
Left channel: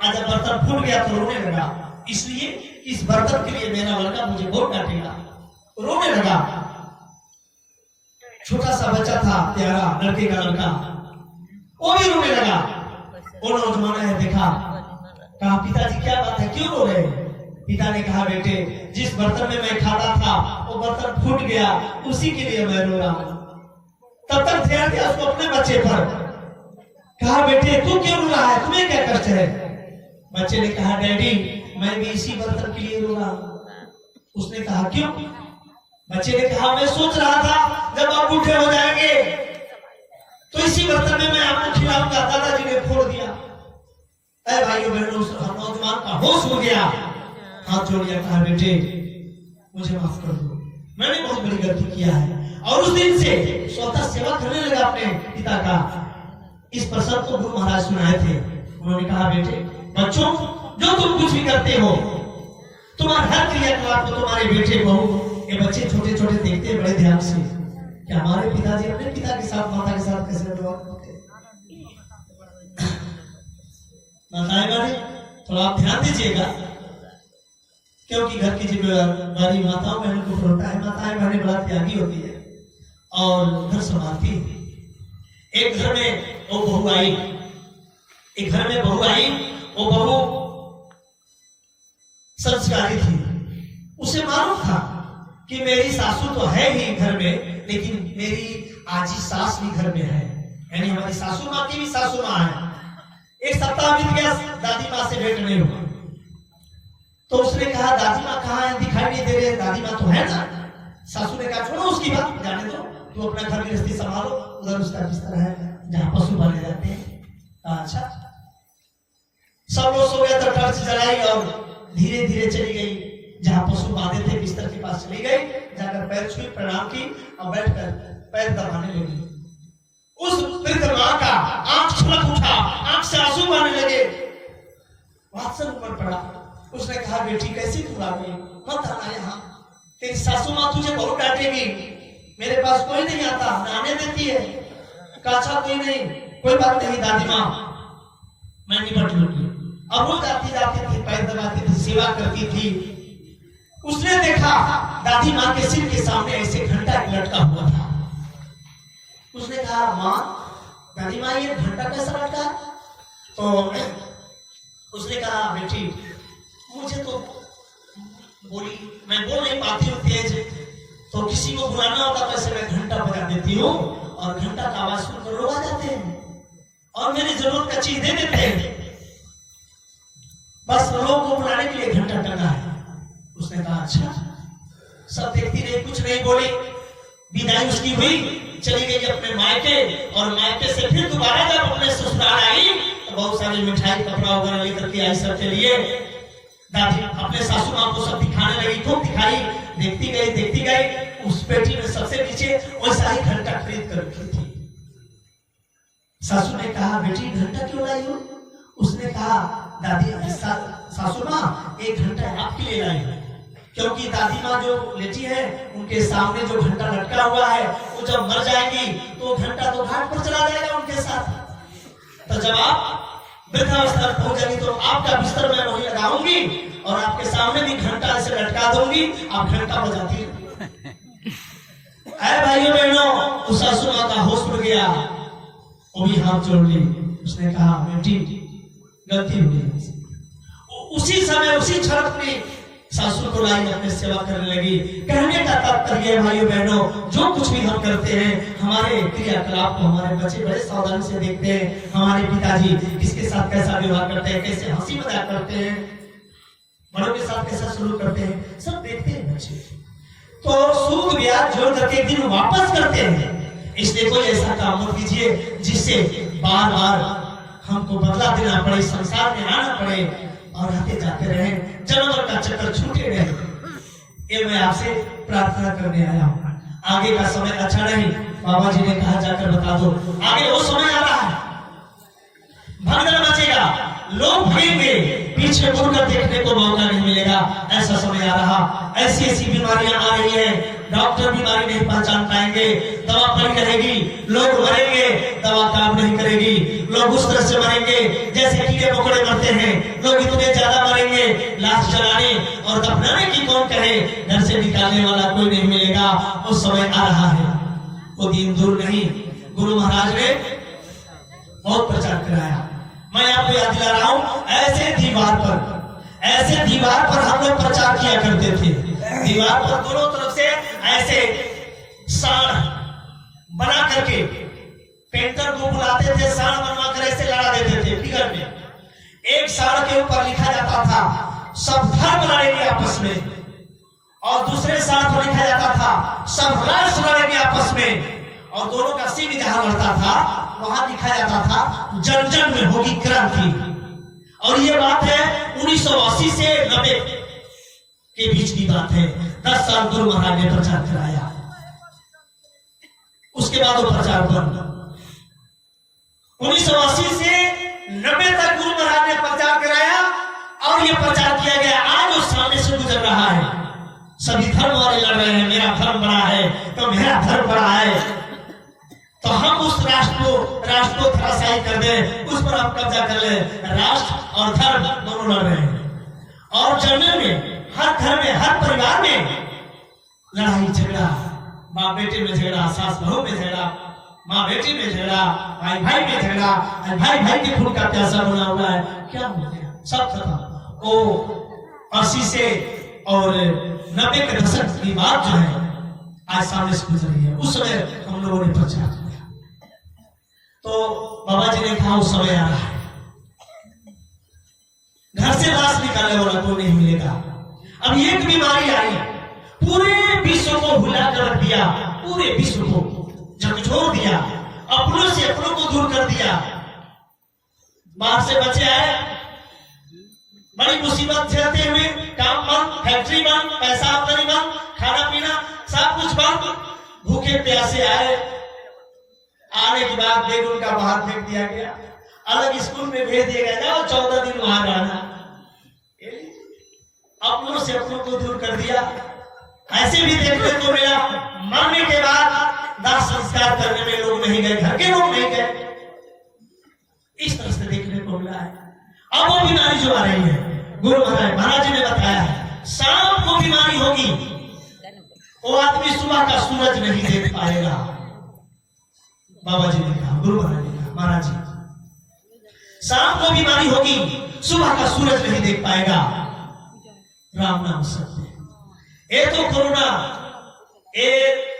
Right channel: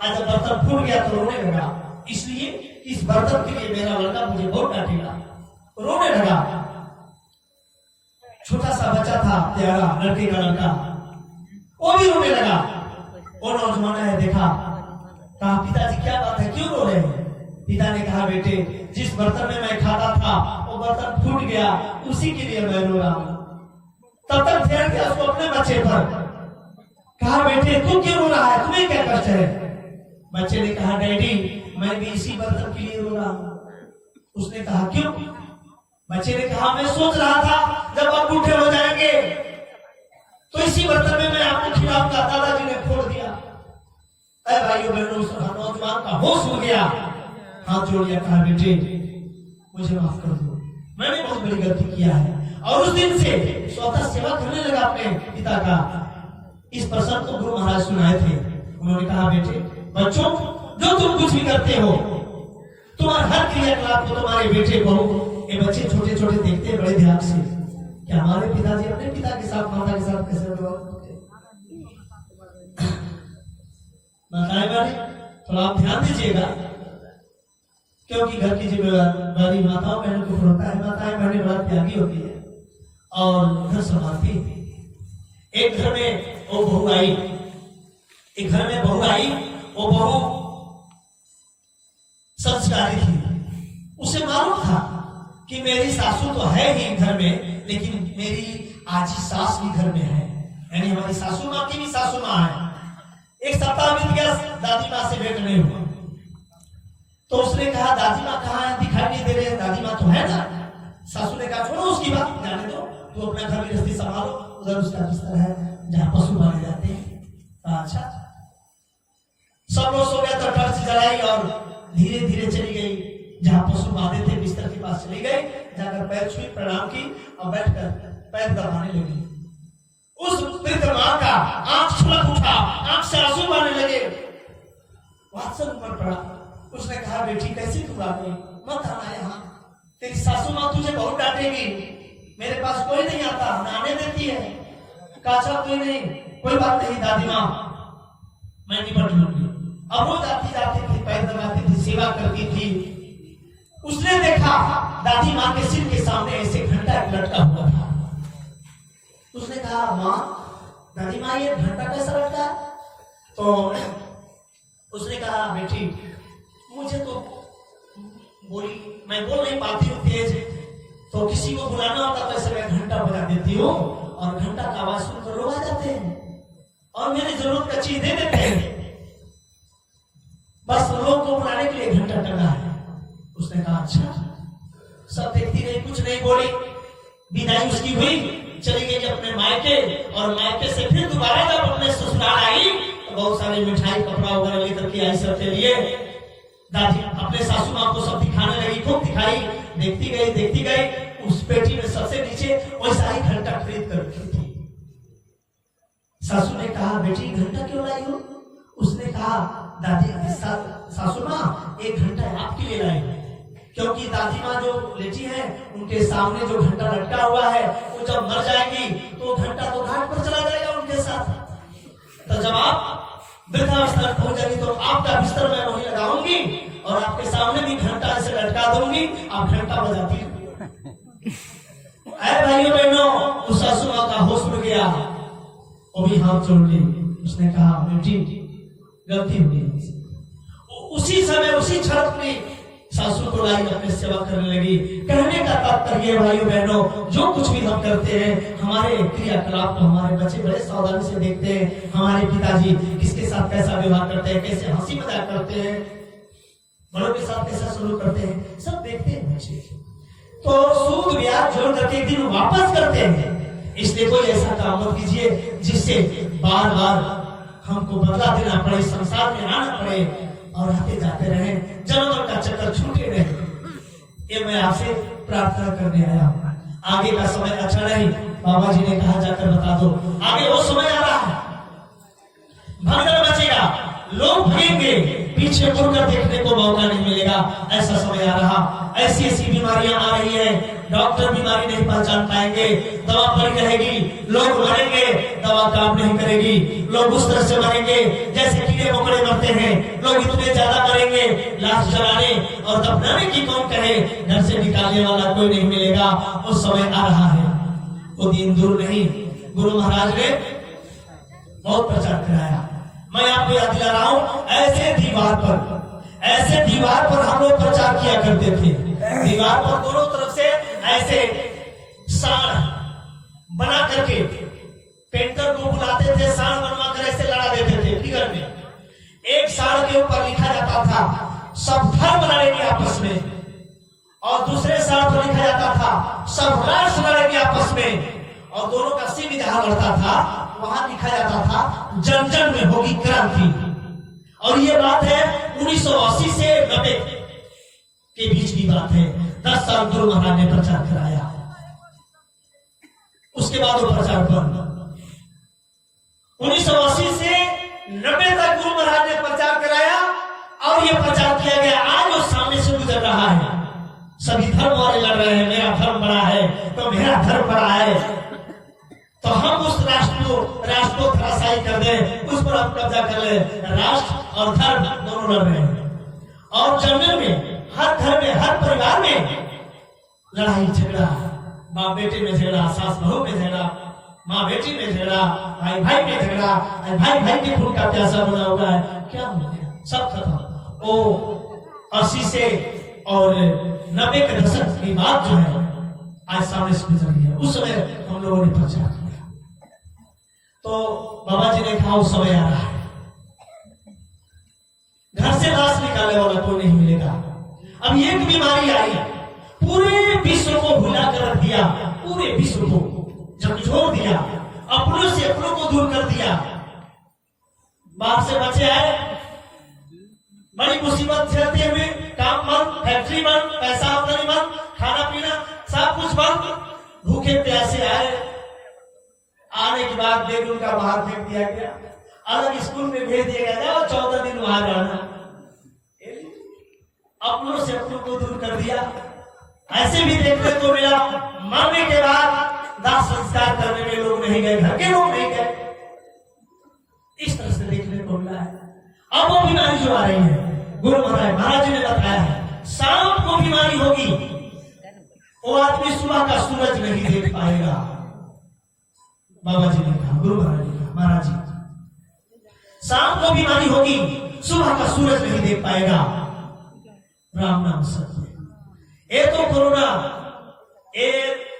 आज जब बर्तन फूट गया तो रोने लगा, इसलिए इस बर्तन के लिए मेरा लड़का मुझे बहुत डांटेगा। रोने लगा। छोटा सा बच्चा था, प्यारा लड़के का लड़का, वो भी रोने लगा। वो नौजवान है, देखा, कहा, पिताजी क्या बात है, क्यों रो रहे हैं? पिता ने कहा, बेटे, जिस बर्तन में मैं खाता था वो बर्तन फूट गया, उसी के लिए मैं रो रहा हूं। तब तक ध्यान दिया उसको अपने बच्चे पर। कहा, बेटे तू क्यों रो रहा है, तुम्हें क्या कष्ट है? बच्चे ने कहा, डैडी मैं भी इसी बर्तन के लिए रो रहा हूं। उसने कहा, क्यों? बच्चे ने कहा, मैं सोच रहा था जब आप बूढ़े हो जाएंगे तो इसी बर्तन में मैं आपको खिलाऊंगा। दादाजी ने फोड़ दिया। अरे भाइयों बहनों, उस नौजवान का होश उड़ गया, हाथ जोड़ लिया, कहा, बेटे मुझे माफ कर दो, मैंने बहुत बड़ी गलती किया है। और उस दिन से स्वतः सेवा करने लगा अपने पिता का। इस प्रसंग को गुरु महाराज सुनाए थे। उन्होंने कहा, बेटे बच्चों, जो तुम कुछ भी करते हो, तुम्हारे हर क्रियाकलाप को तुम्हारे बेटे बहू ये बच्चे छोटे छोटे देखते हैं बड़े ध्यान से कि हमारे पिताजी अपने पिता के साथ माता के साथ कैसे व्यवहार करते हैं। थोड़ा आप ध्यान दीजिएगा, क्योंकि घर की जिम्मेदारी माताओं बहनों को होता है। माताएं बहनें बड़ा त्यागी होती है और घर संभालती है। एक घर में वो बहू आई, एक घर में बहू आई, वो बहू संस्कारी थी। उसे मालूम था कि मेरी सासू तो है ही घर में, लेकिन मेरी आजी सास भी घर में है, यानी हमारी सासू माँ की भी सासू माँ है। एक सप्ताह बीत गया, दादी माँ से भेंट नहीं हुआ। तो उसने कहा दादी माँ कहाँ है, दिखाई नहीं दे रही है, दादी माँ तो है ना। सासू ने कहा छोड़ो उसकी बात, जाने दो, तू अपना घर गृहस्थी संभालो, उधर उसका बिस्तर है जहाँ पशु पाले जाते हैं। अच्छा, सब लोग सो गए तो टॉर्च जलाई और धीरे धीरे चली गई जहाँ पशु बांधे थे, बिस्तर के पास चली गई, जाकर पैर छुई, प्रणाम की और बैठकर पैर दबाने लगी। उस वृद्ध माँ का आंख छलक उठा, आंख से आंसू बहने लगे, वात्सल उमड़ पड़ा। उसने कहा बेटी कैसी तू आ गई, मत आना यहाँ, तेरी सासू माँ तुझे बहुत डांटेगी, मेरे पास कोई नहीं आता, न आने देती है। कहा अच्छा कोई नहीं, कोई बात नहीं दादी माँ, मैं निपट लूंगी। अब वो जाती जाती थी, पैर दबाती थी, सेवा करती थी। उसने देखा दादी माँ के सिर के सामने ऐसे घंटा लटका हुआ था। उसने कहा माँ, दादी माँ ये घंटा कैसा लटका? तो उसने कहा बेटी मुझे तो बोली, मैं बोल नहीं पाती हूँ तेज, तो किसी को बुलाना होता तो ऐसे मैं घंटा बजा देती हूँ और घंटा का आवाज सुनकर लोग आ जाते हैं और मेरी जरूरत का चीज दे देते हैं, बस लोगों को बुलाने के लिए घंटा टंगा है। उसने कहा अच्छा। सब देखती रही, कुछ नहीं बोली। विदाई उसकी हुई, चली गई अपने मायके, और मायके से फिर दोबारा जब अपने ससुराल आई तो बहुत सारी मिठाई कपड़ा वगैरह लेकर के आई सबके लिए। दादी अपने सासू माँ को सब दिखाने लगी, खूब दिखाई, देखती गई। उस पेटी में सबसे नीचे वैसा ही घंटा खरीद कर रखी थी। सासू ने कहा बेटी घंटा क्यों लाई हो? उसने कहा दादी सासू माँ एक घंटा आपके लिए लाई, क्योंकि दादी माँ जो लेटी है उनके सामने जो घंटा लटका हुआ है वो जब मर जाएगी तो घंटा तो घाट पर चला जाएगा उनके साथ। तो जब आप वृद्धावस्था पहुंच जाएगी तो आपका बिस्तर मैं वहीं लगाऊंगी और आपके सामने भी घंटा से लटका दूंगी, आप घंटा बजाती। अरे भाइयों बहनों, उस सासू माँ का होश उड़ गया, वो भी हाथ जोड़ ली। उसने कहा बेटी गलती हो गई। उसी समय उसी क्षण अपनी सासू को लाई अपने सेवा करने लगी। कहने का तात्पर्य भाइयों बहनों, जो कुछ भी हम करते हैं हमारे क्रियाकलाप को हमारे बच्चे बड़े सावधानी से देखते हैं। हमारे पिताजी किसके साथ कैसा व्यवहार करते हैं, कैसे हंसी मजाक करते हैं, बड़ों के साथ कैसा सलूक करते हैं, सब देखते हैं बच्चे। तो सूद ब्याज जोड़ करके एक दिन वापस करते हैं। इसलिए कोई ऐसा काम मत कीजिए जिससे बार बार हमको बदला देना पड़े, संसार में आना पड़े और आते जाते रहे, जन्म का चक्कर छूटे रहे। ये मैं आपसे प्रार्थना करने आया हूँ। आगे का समय अच्छा नहीं, बाबा जी ने कहा जाकर बता दो, आगे वो समय आ रहा है, भगदड़ मचेगा, लोग भगेंगे, पीछे मुड़कर देखने को मौका नहीं मिलेगा। ऐसा समय आ रहा, ऐसी ऐसी बीमारियां आ रही है, डॉक्टर बीमारी नहीं पहचान पाएंगे, दवा पड़ी रहेगी, लोग मरेंगे, दवा काम नहीं करेगी, लोग उस तरह से मरेंगे जैसे कीड़े मकोड़े मरते हैं, लोग इतने ज्यादा मरेंगे, लाश जलाने और दफनाने की कौन कहे, घर से निकालने वाला कोई नहीं मिलेगा। वो समय आ रहा है, वो दिन दूर नहीं। गुरु महाराज ने बहुत प्रचार कराया, मैं आपको याद दिला रहा हूँ। ऐसे दीवार पर हम लोग प्रचार किया करते थे। दीवार पर दोनों तरफ से ऐसे साड़ बना करके पेंटर को बुलाते थे, साड़ बनवा कर ऐसे लड़ा देते थे फिगर में। एक साड़ के ऊपर लिखा जाता था सब धर्म लड़ेंगे आपस में, और दूसरे साड़ पर लिखा जाता था सब राष्ट्र लड़ेंगे आपस में, और दोनों का सिंह जहां लड़ता था वहां लिखा जाता था जन जन में होगी क्रांति। और ये बात है 1980 से 90 के बीच की बात है। 10 साल गुरु महाराज ने प्रचार कराया, उसके बाद वो प्रचार बंद। 1980 से 90 तक गुरु महाराज ने प्रचार कराया और ये प्रचार किया गया। आज वो सामने से गुजर रहा है, सभी धर्म वाले लड़ रहे हैं, मेरा धर्म बड़ा है तो मेरा धर्म बड़ा है, तो हम उस राष्ट्र को धराशायी कर दें, उस पर हम कब्जा कर ले। राष्ट्र और धर्म दोनों लड़ रहे हैं, और जमीन में हर घर में हर परिवार में लड़ाई झगड़ा, बाप बेटे में झगड़ा, सास बहू में झगड़ा, माँ बेटी में झगड़ा, भाई भाई में झगड़ा, भाई भाई की खून का प्यासा बना हुआ है। क्या हो गया, सब खत्म। वो 80 से और 90 के दशक की बात जो है आज सामने से गुजर रही है। उस समय हम लोगों ने प्रचार किया, तो बाबा जी ने कहा उस समय आ रहा है, घर से लाश निकालने वाला कोई नहीं मिलेगा। मिलेगा। अब एक बीमारी आई, पूरे विश्व को भुला कर रख दिया, पूरे विश्व को झकझोर दिया, अपनों से अपनों को दूर कर दिया। बाहर से बच्चे आए, बड़ी मुसीबत झेलते हुए, काम बंद, फैक्ट्री बंद, पैसा आमदनी बंद, खाना पीना सब कुछ बंद, भूखे प्यासे आए। आने के बाद बैग उनका बाहर फेंक दिया गया, अलग स्कूल में भेज दिया गया, जाओ 14 दिन वहां रहना। अपनों से अपनों को दूर कर दिया। ऐसे भी देखने को मिला, मरने के बाद दाह संस्कार करने में लोग नहीं गए, घर के लोग नहीं गए। इस तरह से देखने को मिला है। अब वो बीमारी जो आ रही है, गुरु महाराज जी ने बताया है, शाम को बीमारी होगी, वो आदमी सुबह का सूरज नहीं देख पाएगा। बाबा जी ने कहा, गुरु महाराज ने कहा, महाराज जी शाम को बीमारी होगी, सुबह का सूरज नहीं देख पाएगा। राम नाम सत्य। ये तो कोरोना ये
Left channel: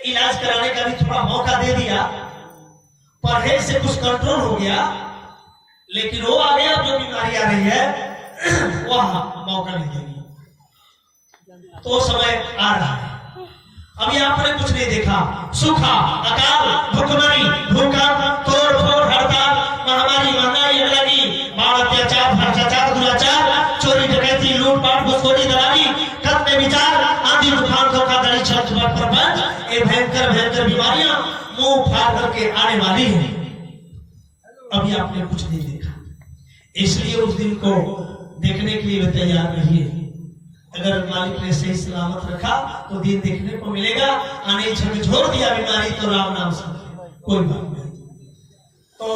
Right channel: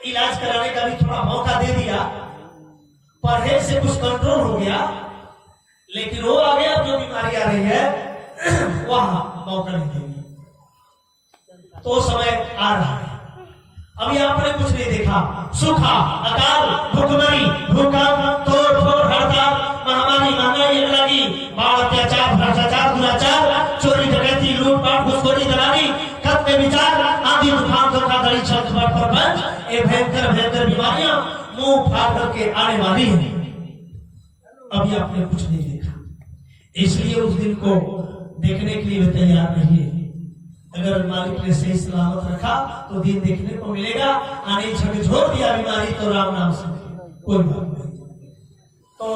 इलाज कराने का भी थोड़ा मौका दे दिया, परहेज से कुछ कंट्रोल हो गया, लेकिन वो आ गया जो बीमारी आ रही है वह मौका नहीं देगी। तो समय आ रहा है। अभी आपने कुछ नहीं देखा, सूखा, अकाल, भुखमरी, भूकंप, तोड़ फोड़, हड़ताल, महामारी, महंगाई, लगी, बाढ़, अत्याचार, भ्रष्टाचार, दुराचार, चोरी डकैती, लूटपाट, घुसखोरी, दलाली, खत्म विचार, आंधी तूफान, धोखाधड़ी, छठपट, प्रपंच, ये भयंकर भयंकर बीमारियां मुंह फाड़ करके आने वाली हैं। अभी आपने कुछ नहीं देखा, इसलिए उस दिन को देखने के लिए तैयार रहिए। अगर मालिक ने सही सलामत रखा तो दिन देखने को मिलेगा। आने झकझोर दिया बीमारी तो राम नाम से कोई बात नहीं। तो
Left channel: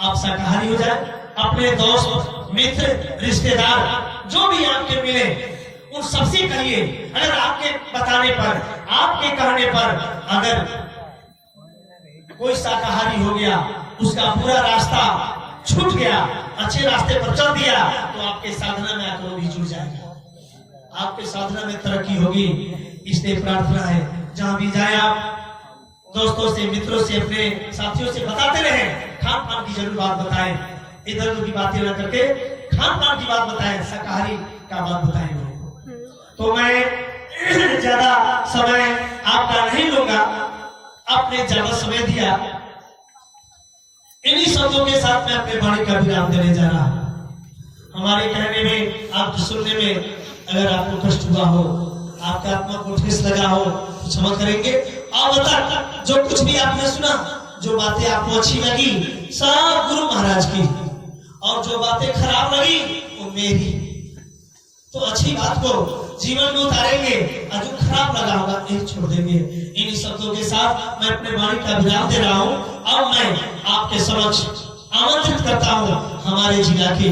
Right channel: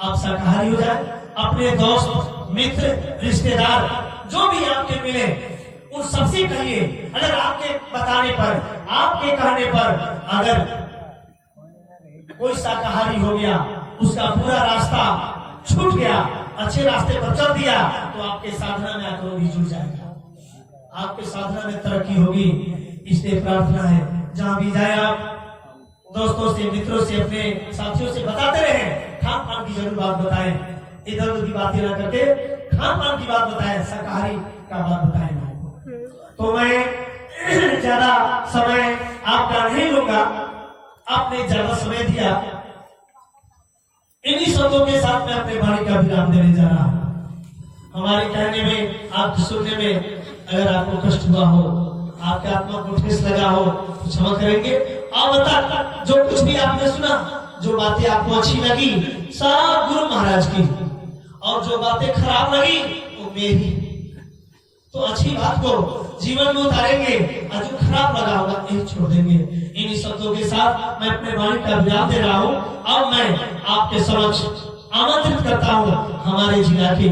आप शाकाहारी हो जाए, अपने दोस्त मित्र रिश्तेदार जो भी आपके मिले उन सबसे कहिए, अगर आपके बताने पर, आपके कहने पर अगर कोई शाकाहारी हो गया, उसका पूरा रास्ता छूट गया, अच्छे रास्ते पर चल दिया, तो आपके साधना में आकर भी जुड़ जाएगा, आपके साधना में तरक्की होगी। इसलिए प्रार्थना है, जहां भी जाए आप दोस्तों से, मित्रों से, अपने साथियों से बताते रहे, खान पान की जरूर बात बताएं, इधर उधर की बातें न करके खान पान की बात बताएं, शाकाहारी का बात बताएं लोगों को। तो मैं ज्यादा समय आपका नहीं लूंगा, आपने ज्यादा समय दिया। इन्हीं शब्दों के साथ मैं अपने वाणी का विराम देने जा रहा हूं। हमारे कहने में, आप सुनने में अगर आपको कष्ट हुआ हो, आपके आत्मा को ठेस लगा हो, तो क्षमा करेंगे। अब तक जो कुछ भी आपने सुना, जो बातें आपको अच्छी लगी सब गुरु महाराज की, और जो बातें खराब लगी वो मेरी। तो अच्छी बात को जीवन में उतारेंगे, और जो खराब लगा होगा यही छोड़ देंगे। इन्हीं शब्दों के साथ मैं अपने वाणी का विराम दे रहा हूं। अब मैं आपके समक्ष आमंत्रित करता हूं हमारे जिला के